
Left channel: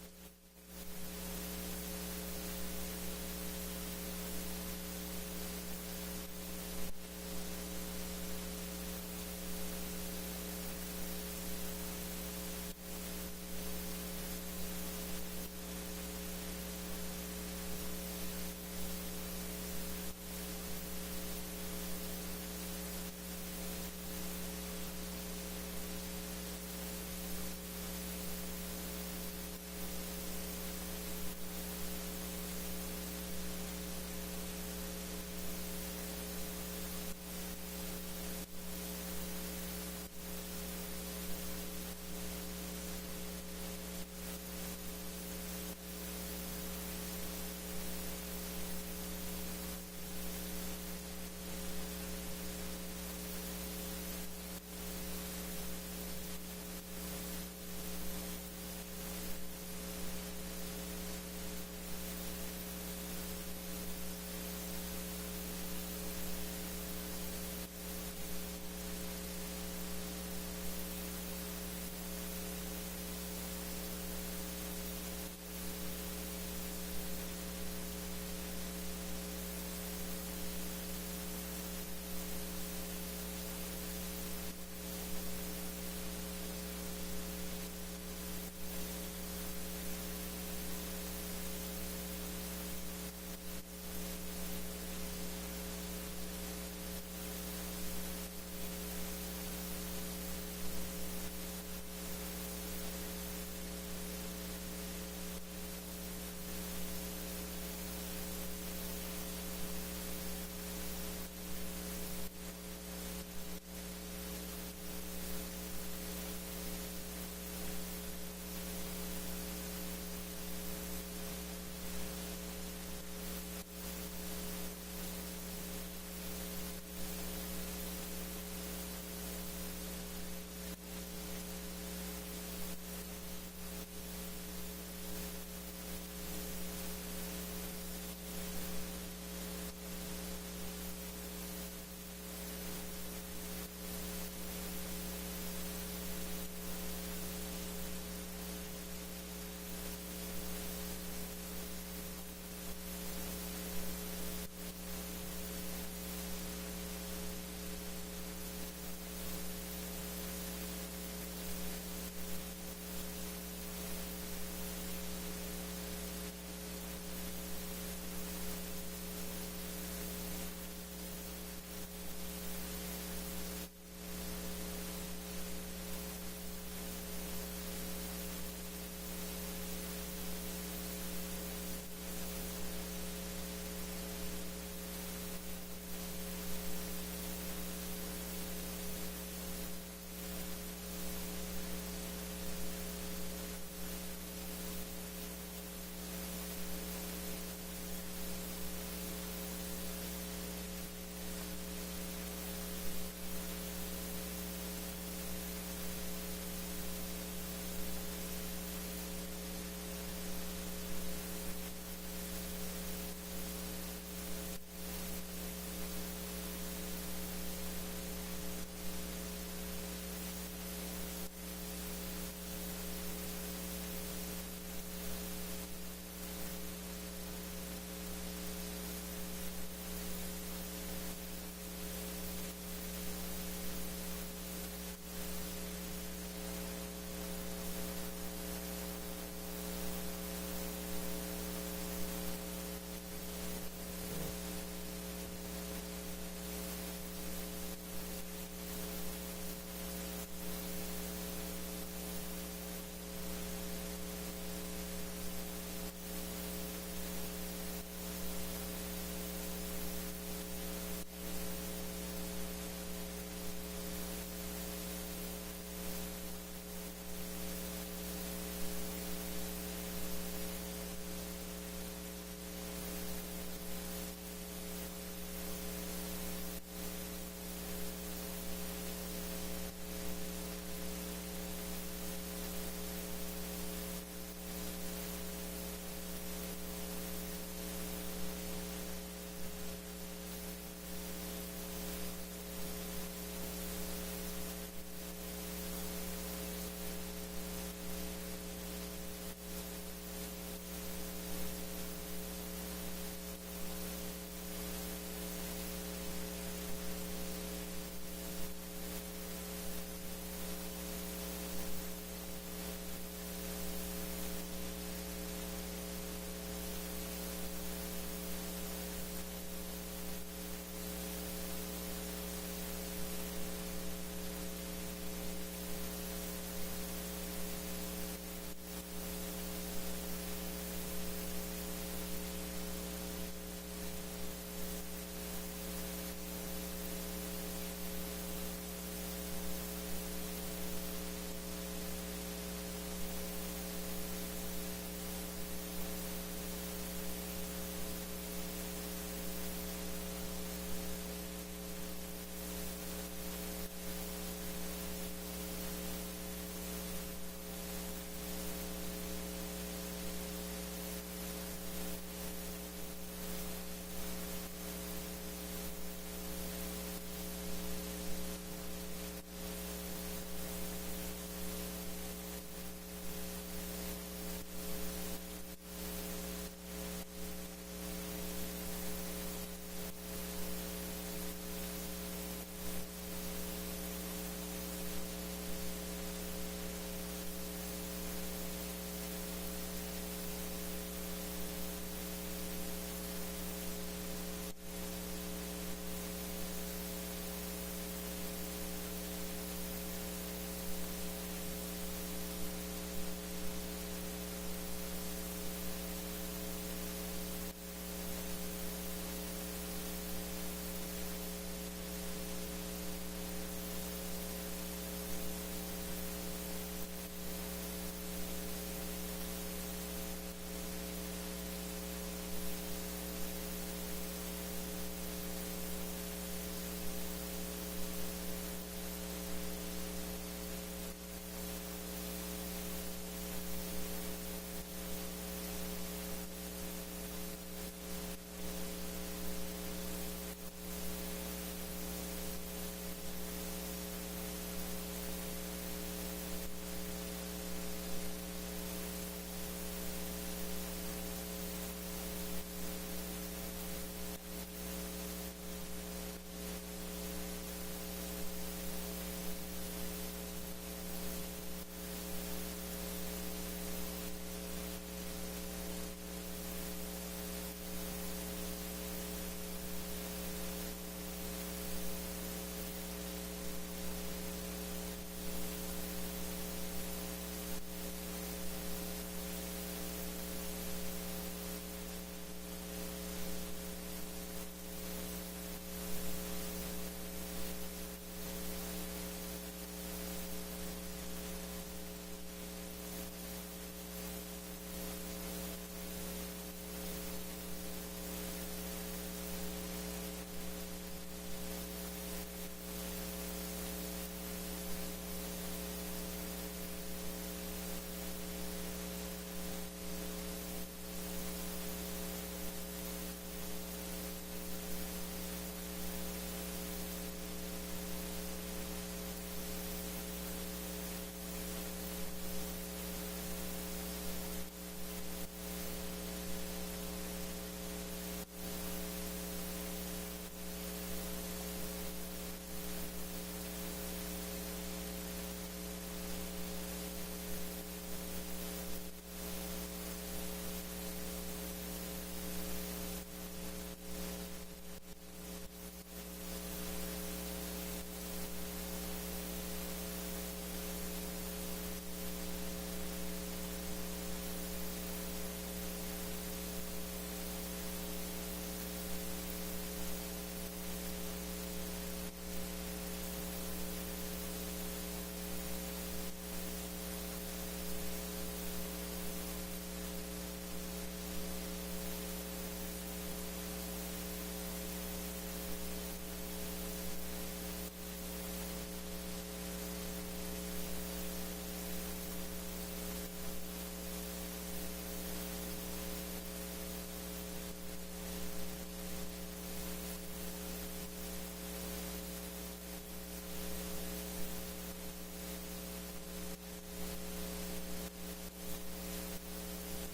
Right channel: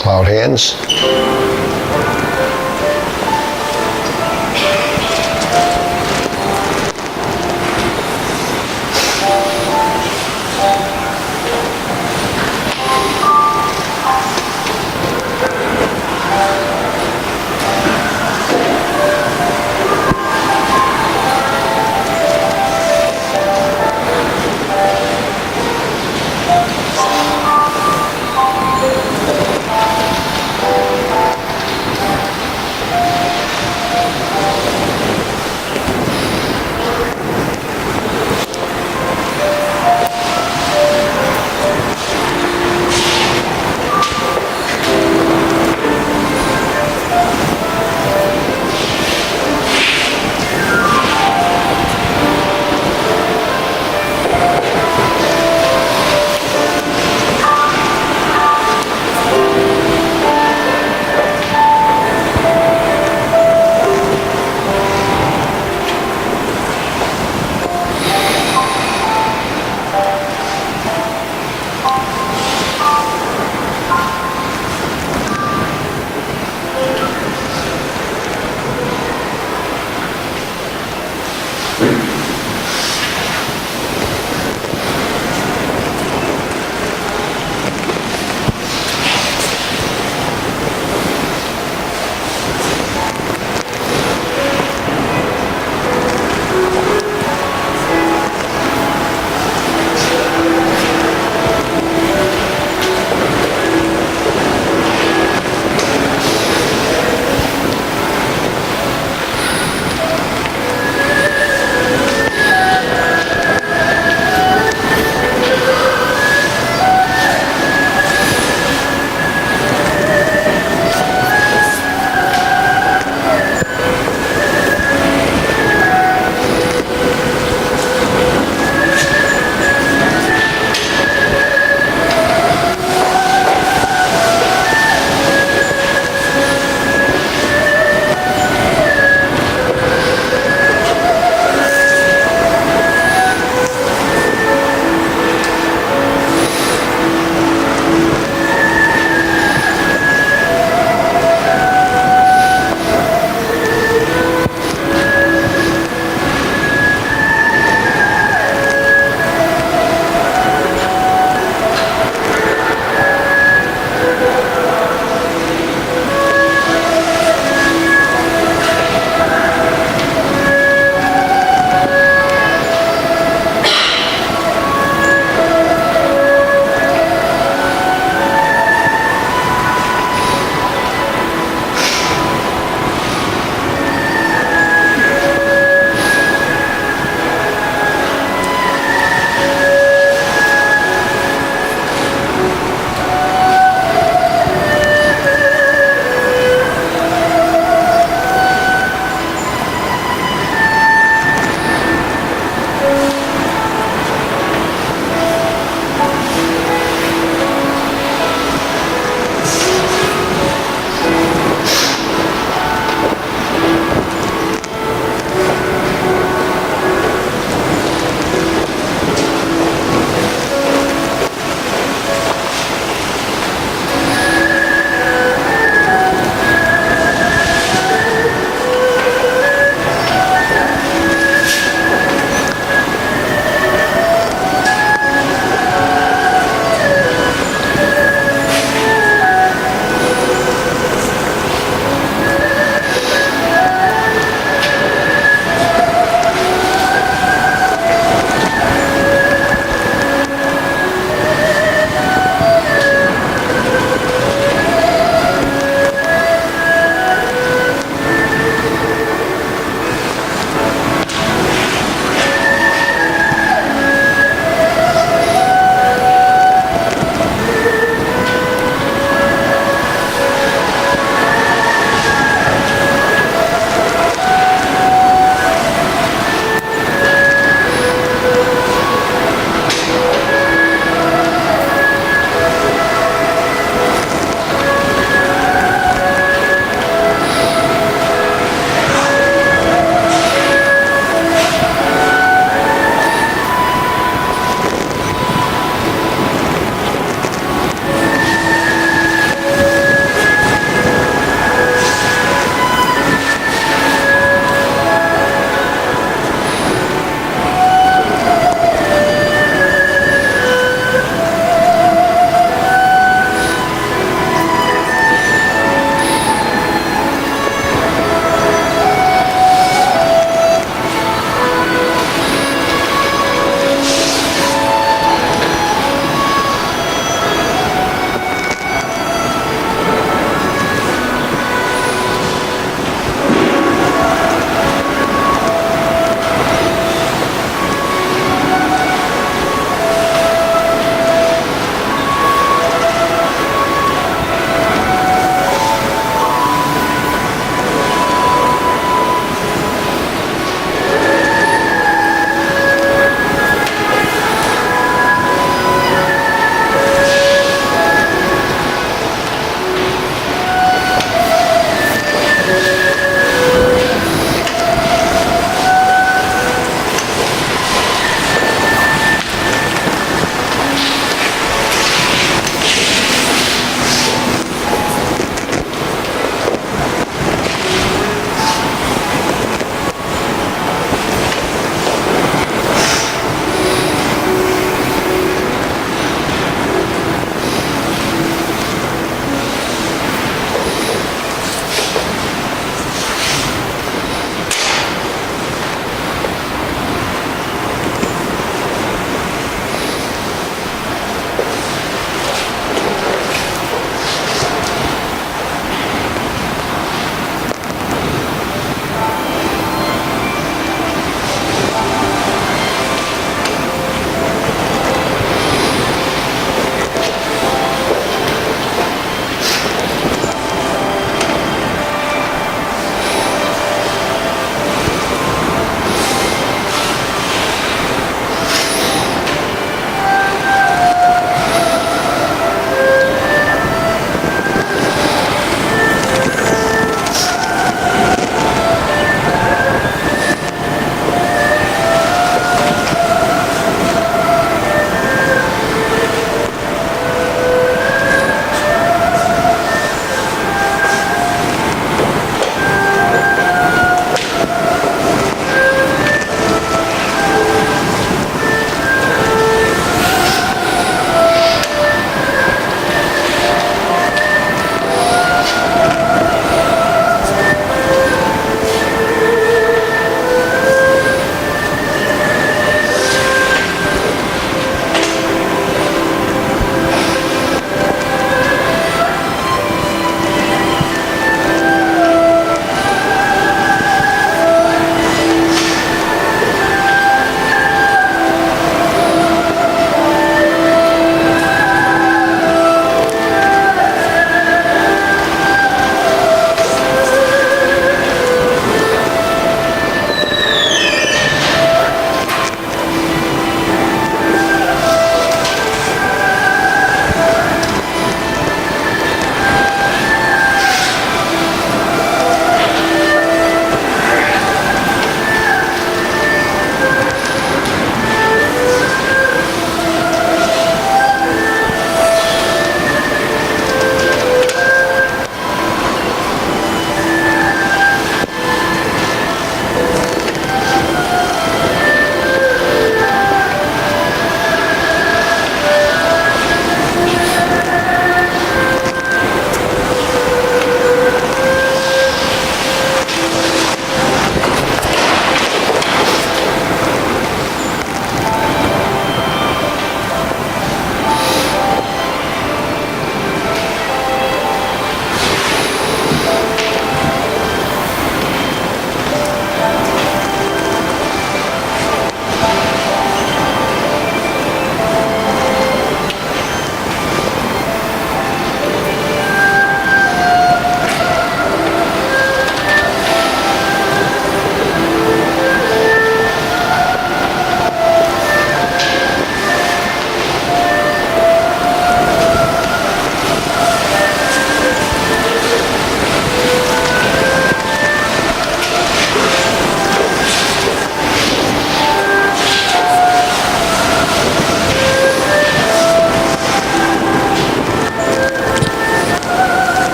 Cloud hands.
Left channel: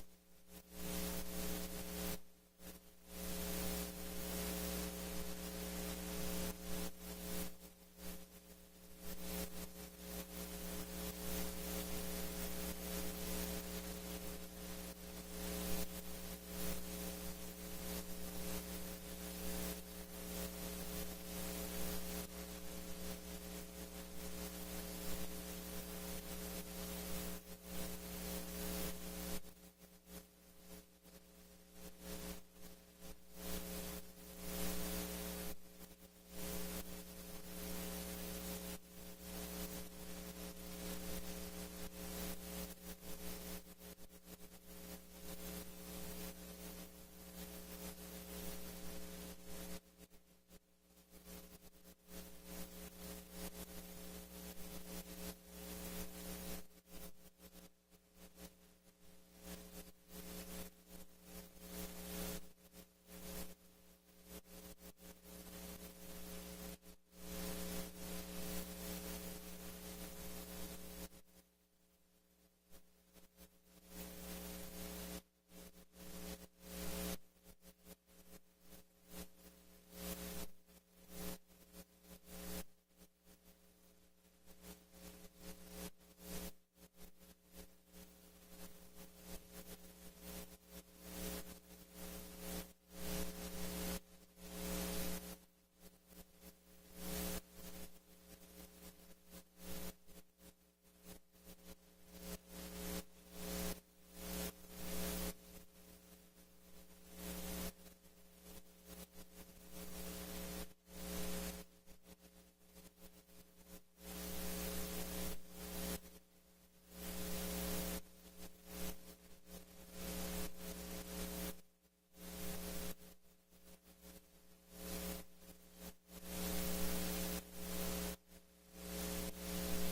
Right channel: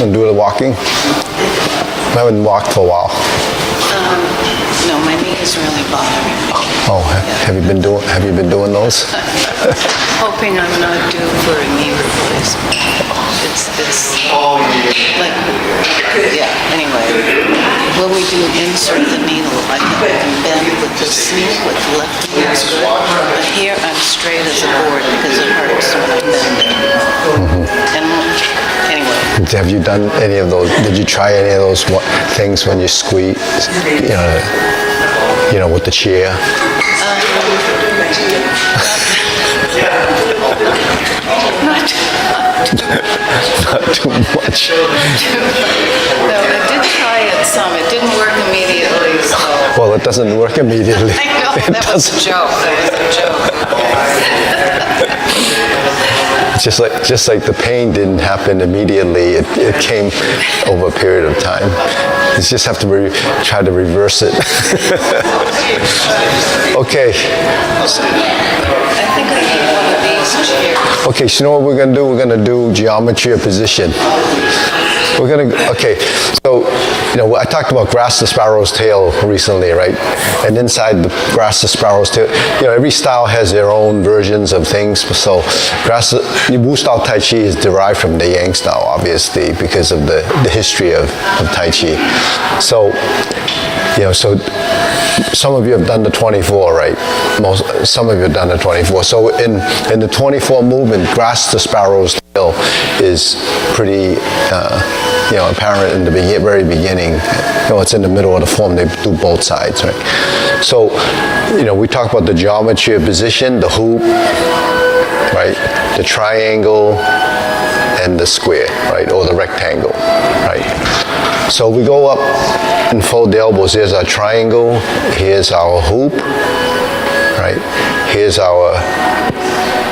And do the walking? I haven't walked for a while. No, my knee is really bothering me. Oh, have you been doing those? Hoping I'm not due for a knee replacement. It's like, yeah, anyway. When we do insert the needle, I think I can bend with this knee, with the left knee is good. But here I'm straight as a board because it hurts when I bend it. And anyway. Have you done any of those? Did you try any of those things when you squeeze, with the chair? Not too much. No, I did try it some. It didn't work immediately, so. Well, it doesn't work immediately. I know, that was a joke. Just like the pain didn't happen immediately, it came over a period of time. You just have to try to reverse it. Okay. I think I need one of these chairs. Okay, so you know what we're going to do? We're going to do geometry of position. So, I talked about grass the sparrow's tail recently, right? And inside the grass the sparrow's tail, every style has their own versions of things. So, Wu Style Tai Chi is derived from the Yang style, obviously, because of the history of Tai Chi. So, so some of you have done the 24, right? Some of you have done the 24. So in the 24 movement, grass the sparrow's tail is pretty, apparent in the very beginning. It's in the middle of the form. They do both sides, right? So, we talk about the geometry of position, the hoop, right? The triangle and the square, right? Or the rectangle, right? So we go up and fold the elbows. Here's our triangle. Here's our hoop, right? Here's our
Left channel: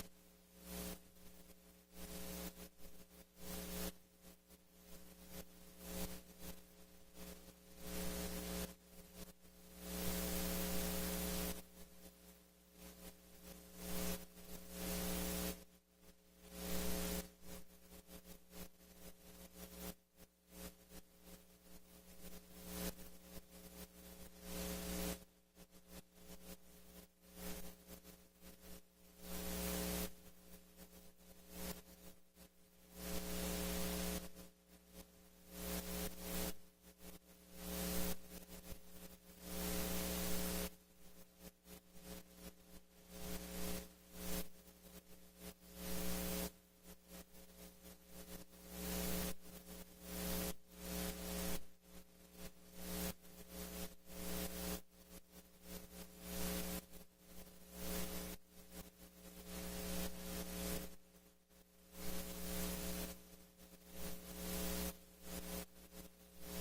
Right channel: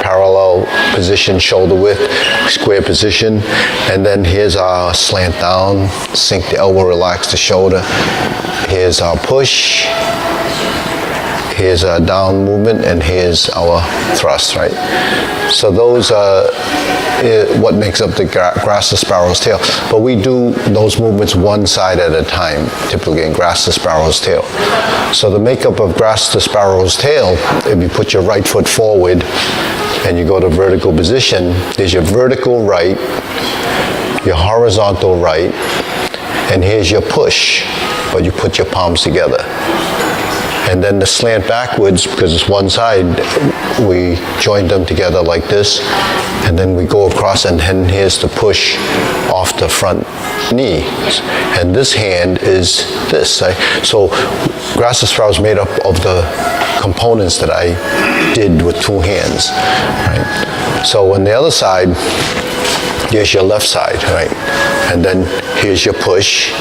parallel position, shoulder width, square position. And then here's our slant down, sink the elbow, relax the shoulder. Here's our push. Here's our down movement, and here's our thrust, right? So those are what makes up the grass the sparrow's tail. But we do those movements one side at a time, typically in grass the sparrow's tail. So the makeup of grass the sparrow's tail, if you put your right foot forward and you go to vertical position, there's your vertical right, your horizontal right, and here's your push, but you put your palms together. And then the slant backwards, because it's one side, we join them together like this, and then we go across, and then here's the push off the front knee. And this hand is this. So grass the sparrow is made up of the components that I did with two hands. Right? So on the other side, here's your left side, right? And then here's your push.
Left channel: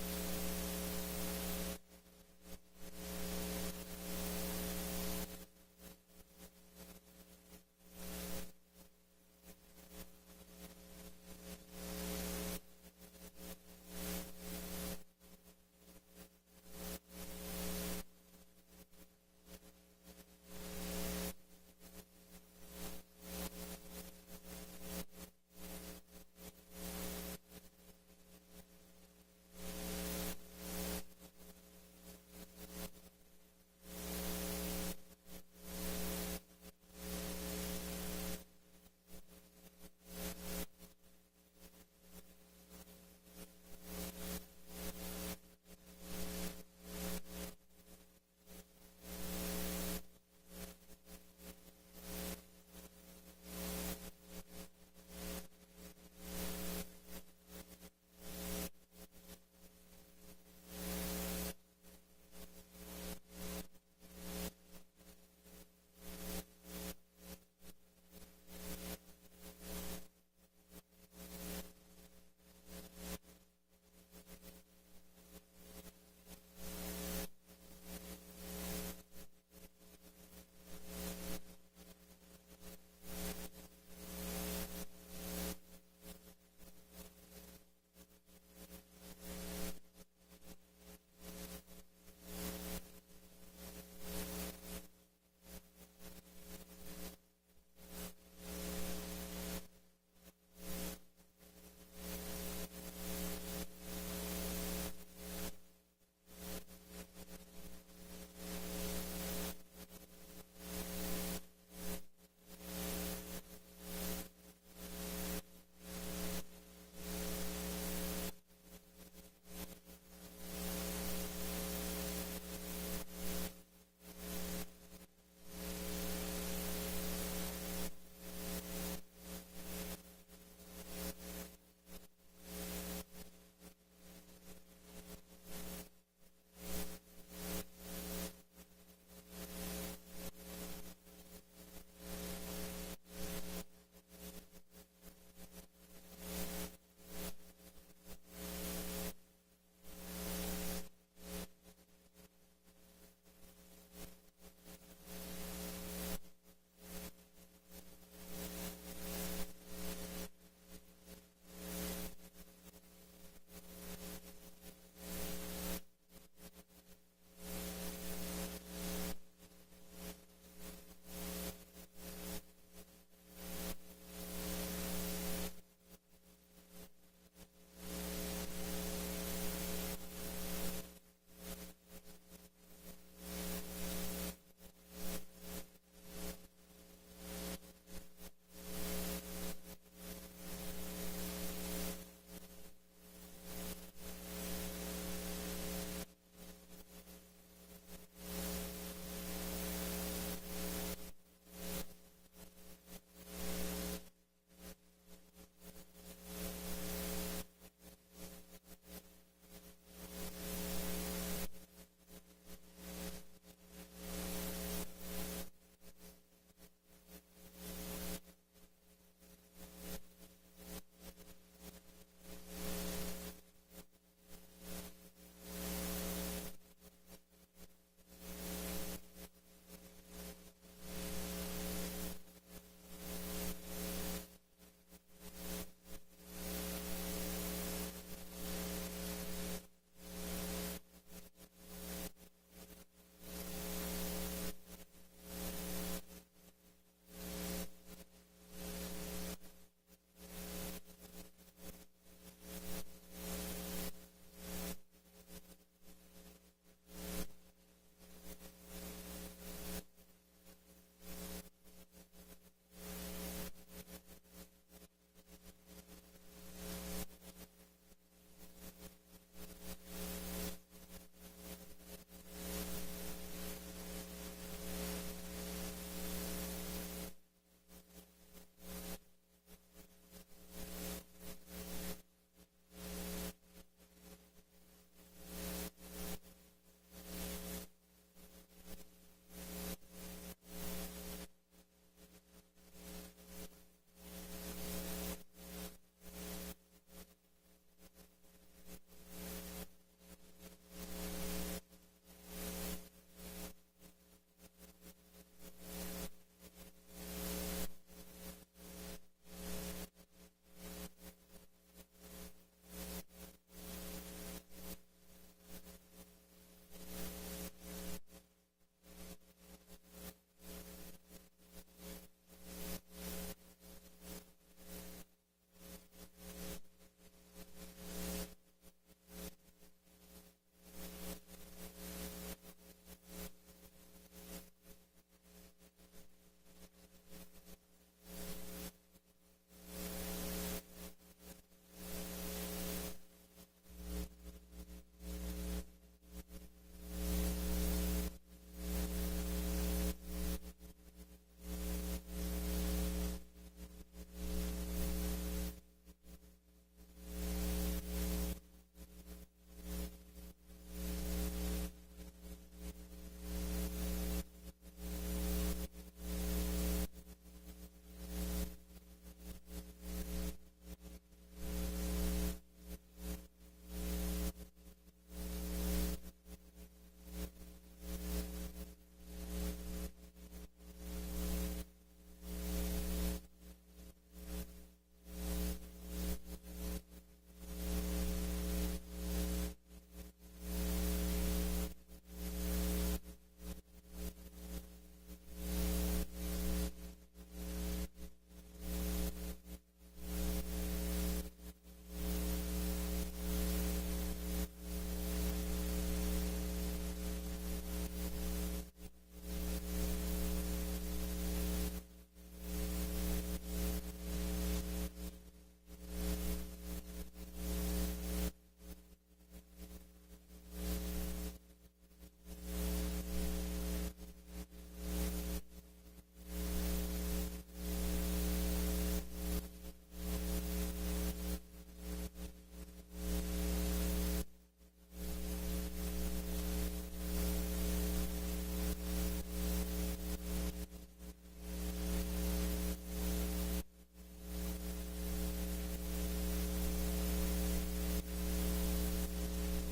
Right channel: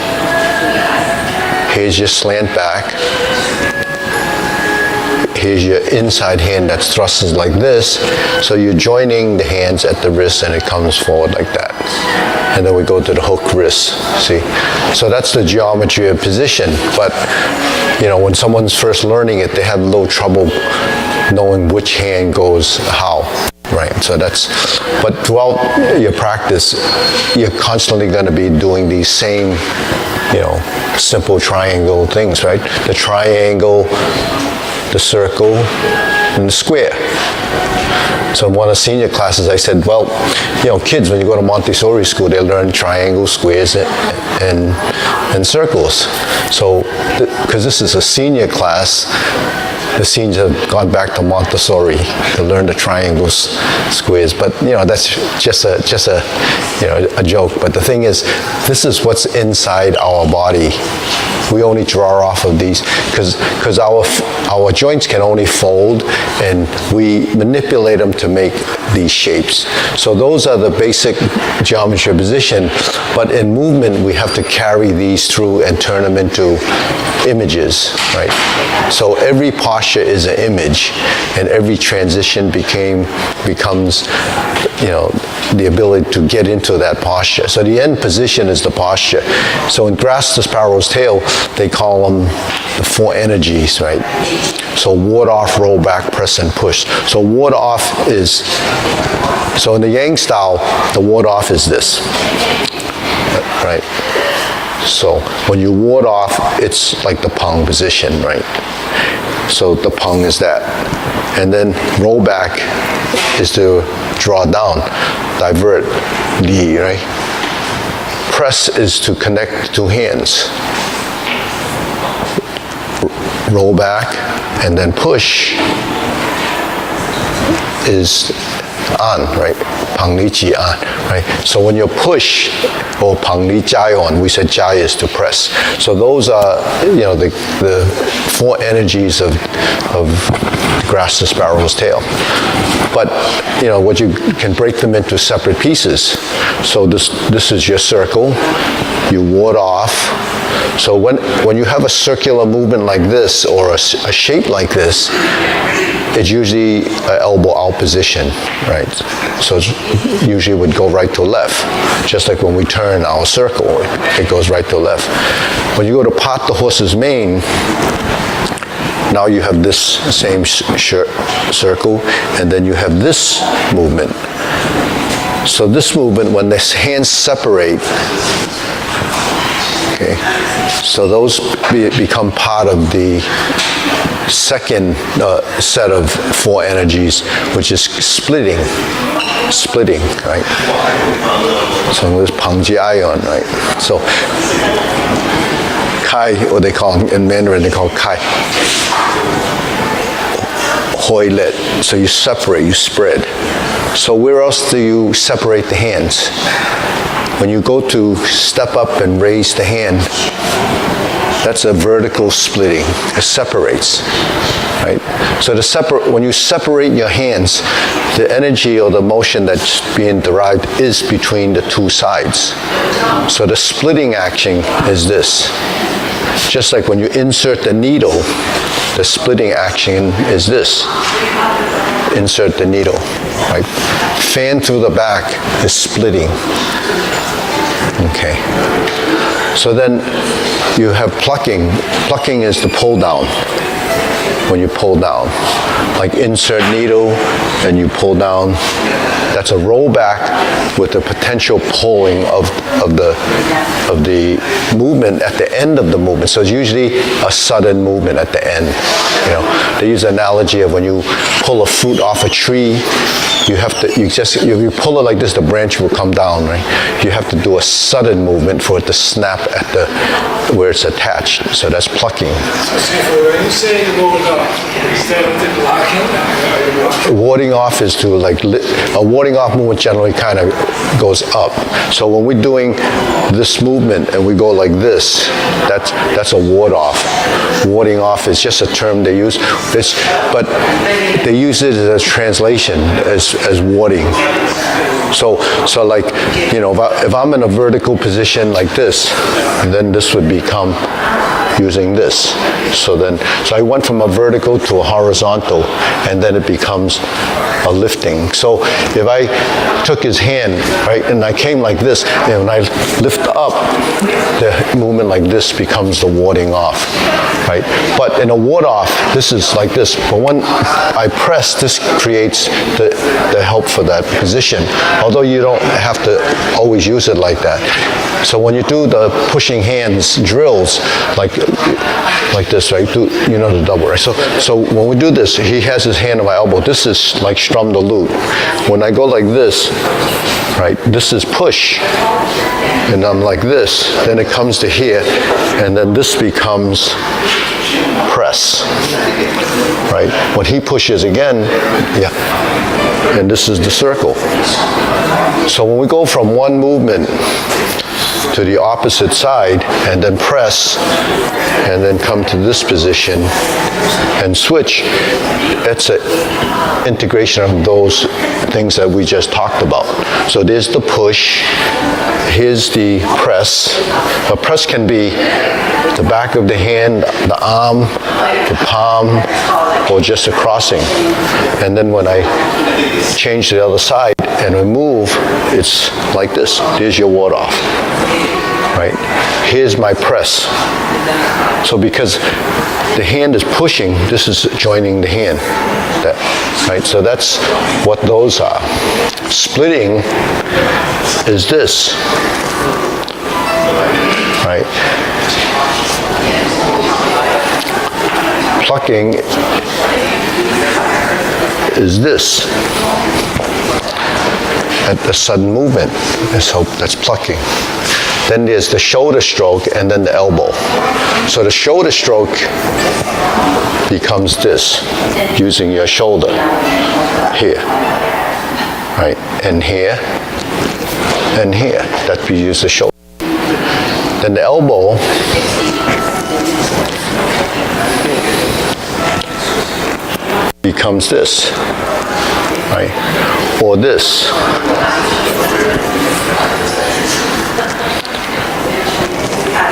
Here's your slant back. Here's your inside hand that's thrusted like this. So you're joining the hands at the wrist, and it comes forward like that. And then we go to the hook wrist, see? So that's the geometry of position. But, when someone's first learning it, they have a little trouble knowing which hand goes how, right? So but throughout your practice, you're constantly going to be doing these same, simple triangle things, right? The triangle, the circle, and the square. So in one of the senior classes, I said, well, kids, when you go to Montessori school, they learn triangles, squares, and circles. So, because this is a senior class, the seniors have gone back to Montessori to learn the triangles, squares. But that's just a joke. But the thing is, this is what's inside our body. We only draw off of these because our joints can only fold, and we manipulate them to make these shapes. So those are the basic geometry of position. But in movement, we have to carry these through and turn them into images, right? So every posture is an image, and every transition becomes the ability to get into that posture. So the end position is the posture. So in grass the sparrow's tail, they call them the four energies, right? So ward off, roll back, press, and push. So ward off is, so in the Yang style, the ward off is this. right? So when you ward off, it's like the pang position, right? So the pang is that. And then roll back is to draw down, divert, li, right? Press is to connect two hands. Roll back and then push is an, right? Pang li ji an, right? So when you push or pang li jai on, we said jai is to press. So those are, the four energies of grasp the sparrow's tail. But what you can break them into separate pieces. So this is your circle. You ward off. So when you have a circular movement like this or a shape like this, it's usually an elbow out position, right? So it usually would go right to left. Just like when we turn our circle, it goes right to left. When you go to part the horse's mane, now you have this same circle, and then you have this movement. So this movement, when the hands separate, okay, so those become part of the second set of four energies, which is splitting, right? So this pang ji ion, right? So kai, what they call in Mandarin, they call kai. Hoi let. So you separate, you spread. So where else do you separate the hands? When you go to step up and raise the hand, that's a vertical splitting. It separates, right? So when you separate your hands, the energy or the motion that's being derived is between the two sides. So the splitting action is this. Just like when you insert the needle, the splitting action is this. Insert the needle, right? Fan through the back is splitting. Okay. So then you have plucking. Plucking is the pull down. When you pull down, like insert needle and you pull down, that's a roll back with the potential pulling of the movement at the end of the movement. So it's usually a sudden movement at the end. They use the analogy of when you pull a fruit off a tree, if you pull it like this, the branch will come down, right? You have to do a sudden movement for it to snap at where it's attached. So that's plucking. When you say ward off, is that blocking? Warding off is to a warding off movement generally kind of goes up. So when we're doing this movement and we go like this, that's a ward off. Warding off is just a term they use. But they use it as a translation as warding. So like, if I'm in a vertical position like this, then this would become using this. So I went from a vertical to a horizontal, and then it becomes a lifting. So if I took his hand, right, and I came like this, and when I lift up, the movement like this becomes the warding off, right? But in a ward off, this is like this. But when I press, this creates the help for that position, although you don't have to always use it like that. So when you do the pushing hands drills, like this, right? The double, right? So when we do this, he has his hand on my elbow. This is like strum the lute. When I go like this, right? This is push, and I'm like this. Then it comes to here, and then this becomes press, right? When he pushes again, yeah, and this is the circle. So when we go from one movement to the opposite side and then press and then come to this position and switch, it's an integration of those things that we just talked about. So there's the push, here's the press. A press can be the back of the hand, the arm, the palm, or just a crossing. And then when I change to the other side and I move, it's like this. There's your ward off, right? Here's my press. So because the hand is pushing, this is joining the hand, right? So that's what those are. Splitting is this. right? Plucking is this. At the sudden movement, that's plucking. Then there's the shoulder stroke and then the elbow. So the shoulder stroke becomes this, using your shoulder here, right? And here, and here. That we use the shoulder. Then the elbow becomes this, right? Or this.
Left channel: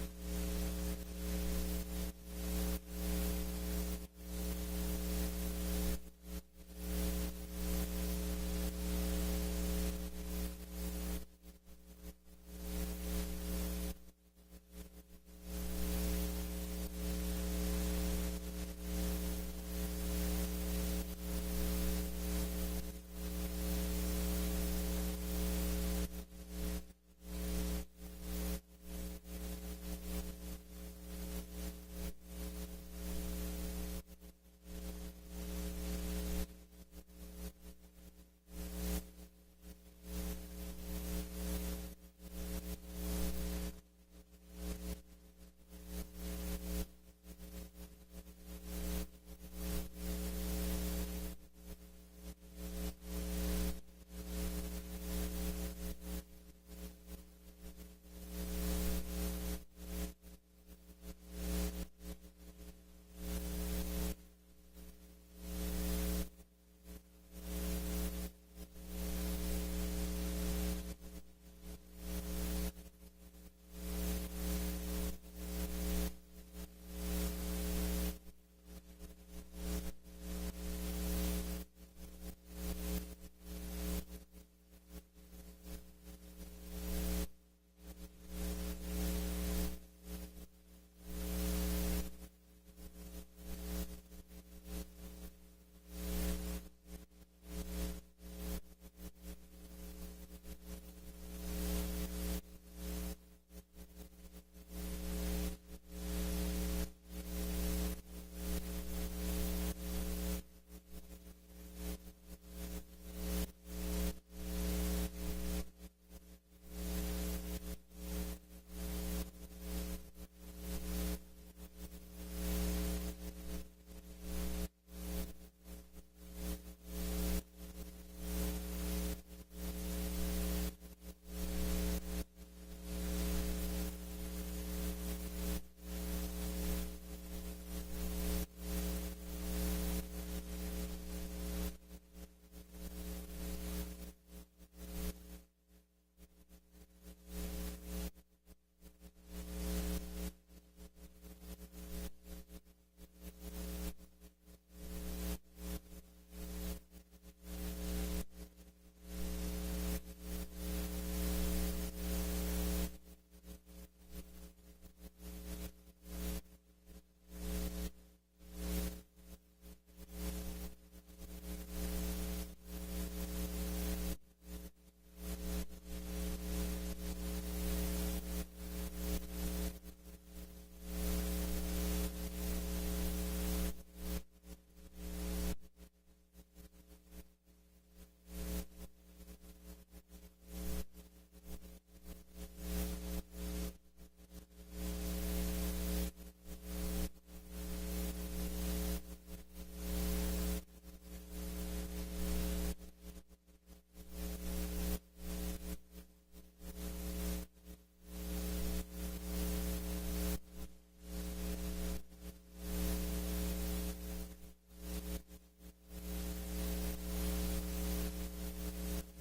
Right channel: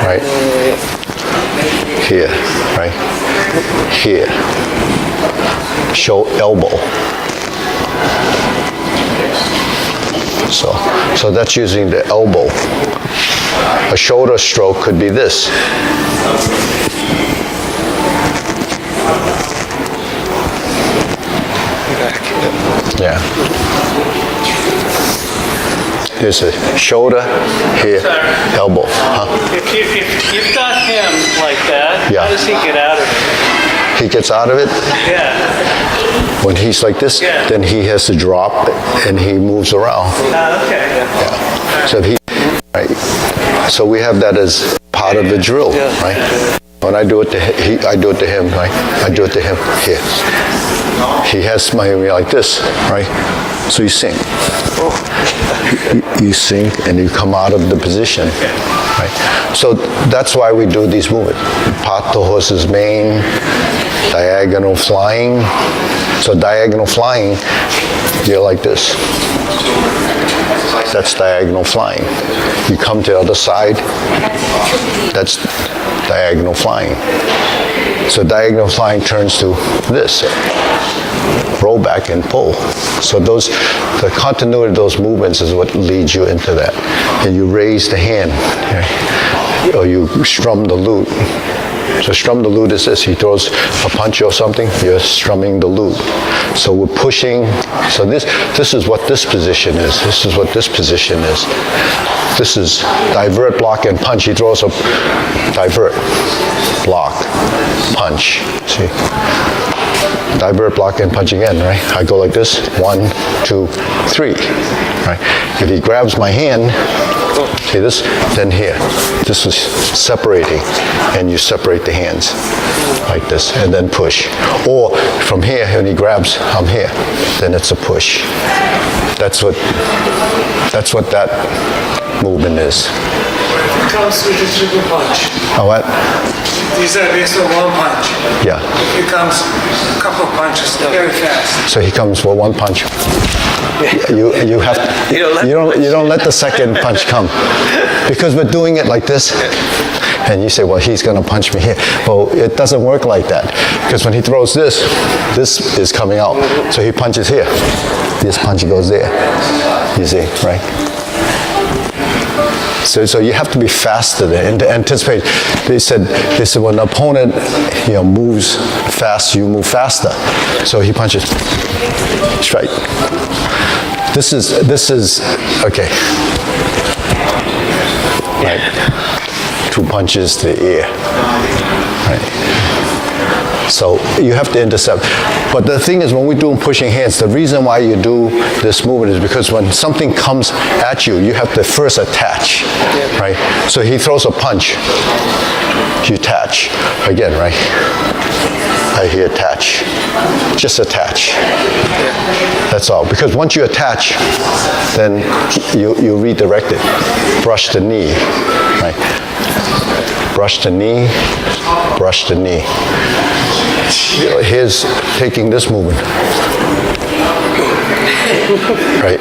Right? Here, right? Here. Show elbow. So that's using the elbow. A shoulder stroke could be this. Yeah. There's a shoulder, here, elbow. Huh? If you've got him like that, Yeah. how does he get out of it? He gets out of it. Yeah. When he's like this, Yeah. then he has to drop and he moves around. Okay. Yeah. So right. So we have that as part of the drill, right? When I do it to I do it to him, right? I do it to him here. He has my like this, right? So you sink. You sink and you come out of the position, right? So that's why we do these movements. Part the horse's mane, diagonal flying. So diagonal flying, you're like this. That's diagonal flying. You come to the other side, that's diagonal flying. So diagonal flying turns to this. Roll back and pull. So the continuity of those movements is what leads you into that. And you raise the hand, okay? Or you strum the lute. So strum the lute is this. He throws a punch or something, you're strumming the lute. So we're pushing. So this is what this position is. This is what this position is. This is divert, block, and punch. He throws a divert, block, punch. See? Divert, block, and punch again, right? I go like this, 1, 2, 3, right? If he grabs my hand, see this, then here. This is separating, and you separate the hands like this, and then push. Or from here, when he grabs, I'm here, then it's a push. That's what that movement is. It comes with a triple punch. Oh, what? These are based on one punch. Yeah. It comes a couple punches very fast. So he comes for one punch. You have you don't let the second punch come, because we're doing it like this. And you say, well, he's going to punch me here. Well, it doesn't work like that, because when he throws this is coming out. So he punches here. This punch goes there. You see, right? So you have to be faster there and to anticipate. They said when the opponent moves fast, you move faster. So he punches straight. This is okay. Right. 2 punches to the ear. Right. So you have to intercept. But the thing is, when we're doing pushing hands, the reason why you do this movement is because when something comes at you, you have to first attach, right? So he throws a punch, you attach again, right? I hear attach. Just attach. That's all. Because once you attach, then you redirect it. Brush the knee, right? Brush the knee, brush the knee. Here's taking this movement. Right?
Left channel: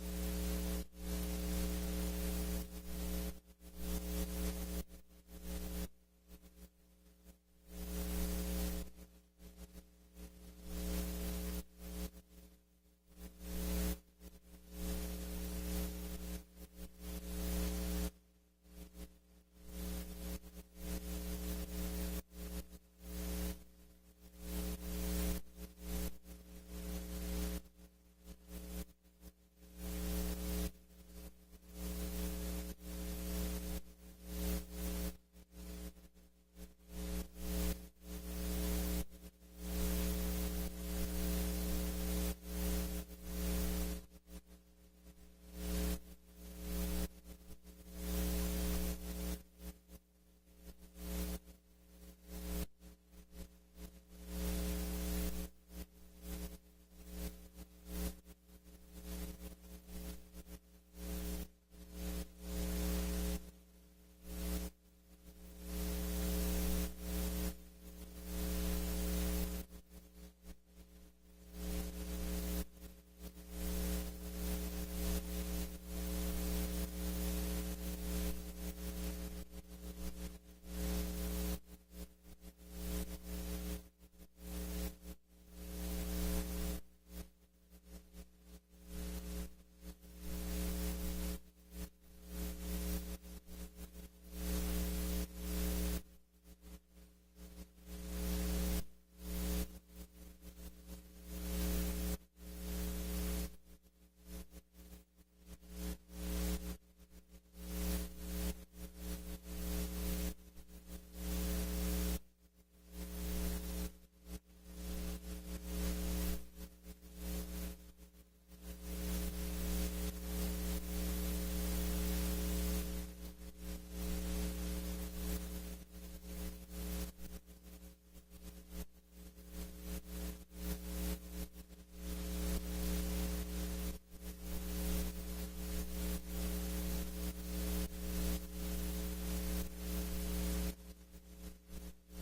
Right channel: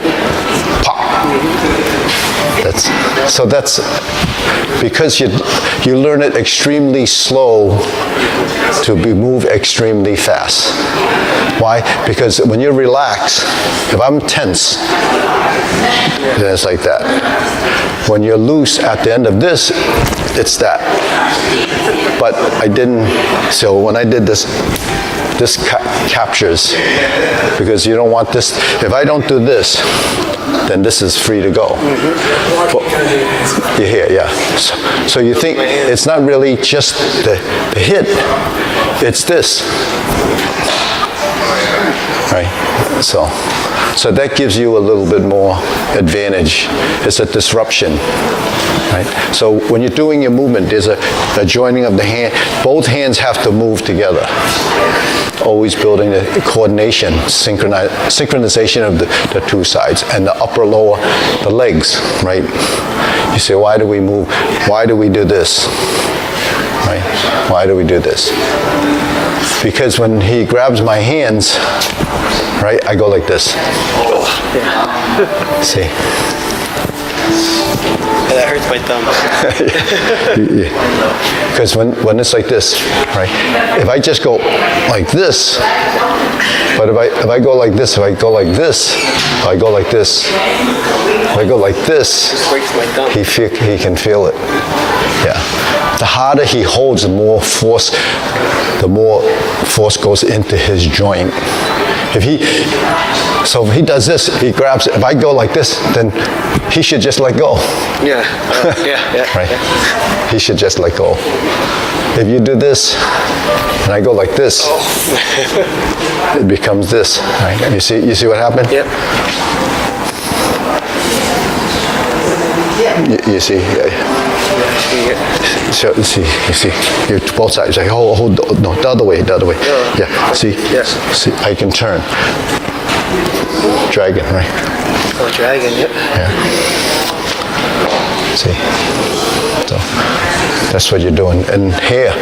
Pop. That's because you learn it extremely slow to be moved extremely fast. Why? Because when you're relaxed, if I'm tense, then it's like that. When you're loose at the end of this, it's that. But I didn't, so when I did this captures, because you don't want this, if I don't do this, then this is free to go. You're here, yeah. So you think it's not really just the hit, it's this. Right? So that gives you a little bit more advantage. It's a disruption. Right? So when you're doing your movement, there's a joining of the hand. Both hands have to move together. Always building the coordination, synchronization of the two sides, and the upper, lower, the legs, right? You say, why do we move? Why do we do this? Right? Why do we do this? Because when he grabs my hands, right, I go like this. See? That hurts my thumb. Because when it's like this, right? If I just go like this, but if I go like this, if I go like this, if I go like this, if I go like this, Breaks my thumb. he can feel it. Yeah. The harder he holds, the more force goes into his joint. If he does this, he grabs it. If I go like this, then he should just let go. Yeah. Yeah. Right? He should just let go. If you do this, and I go like this, it becomes this. Right? You see what happened? Yep. You see? So you see, you both sides. Like hold, no, the other way. Yeah. See? Yes. See, I can turn. Dragon, right? Oh, dragon, yep. Yeah. See? So that's what you're doing. And here.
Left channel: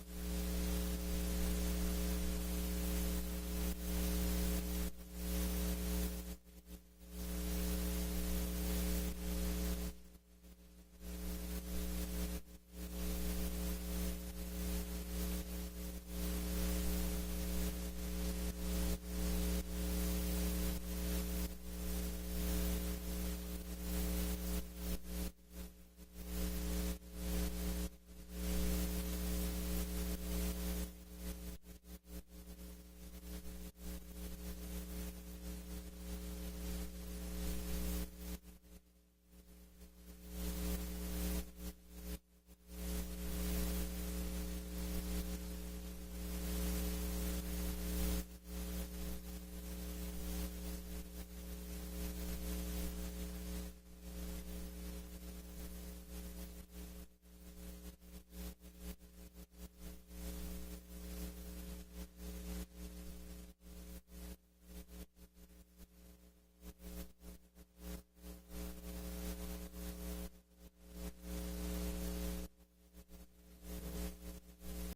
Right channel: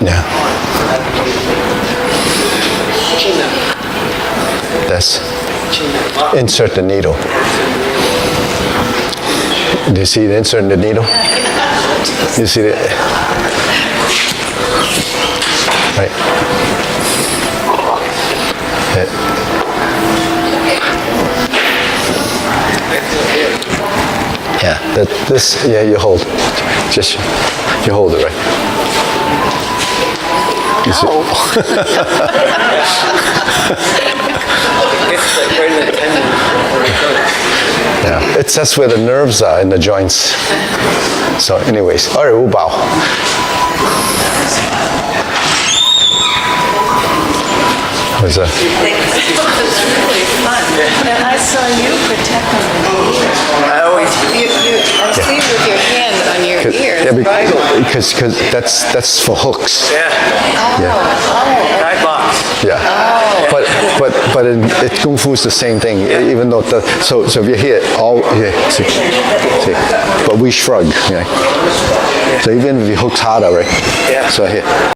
Yeah. That's insert the needle. Do you see the insert in the needle? You see it? Right. Yeah. Yeah, you hold. Just you hold it, right? You see? It's like right in the tendon. Yeah, that's where the nerves are in the joints. So anyways, all right, Wu Bao. Was This was really fun. And I saw you protecting the ear. I always. I see with your hand on your ear. because that's for hooks. Yeah. Guide box. Yeah. But in Kung Fu is the same thing. Even though so if you're here, see, but we shrug. Yeah. So even if you hook's harder, right? Yeah. So here.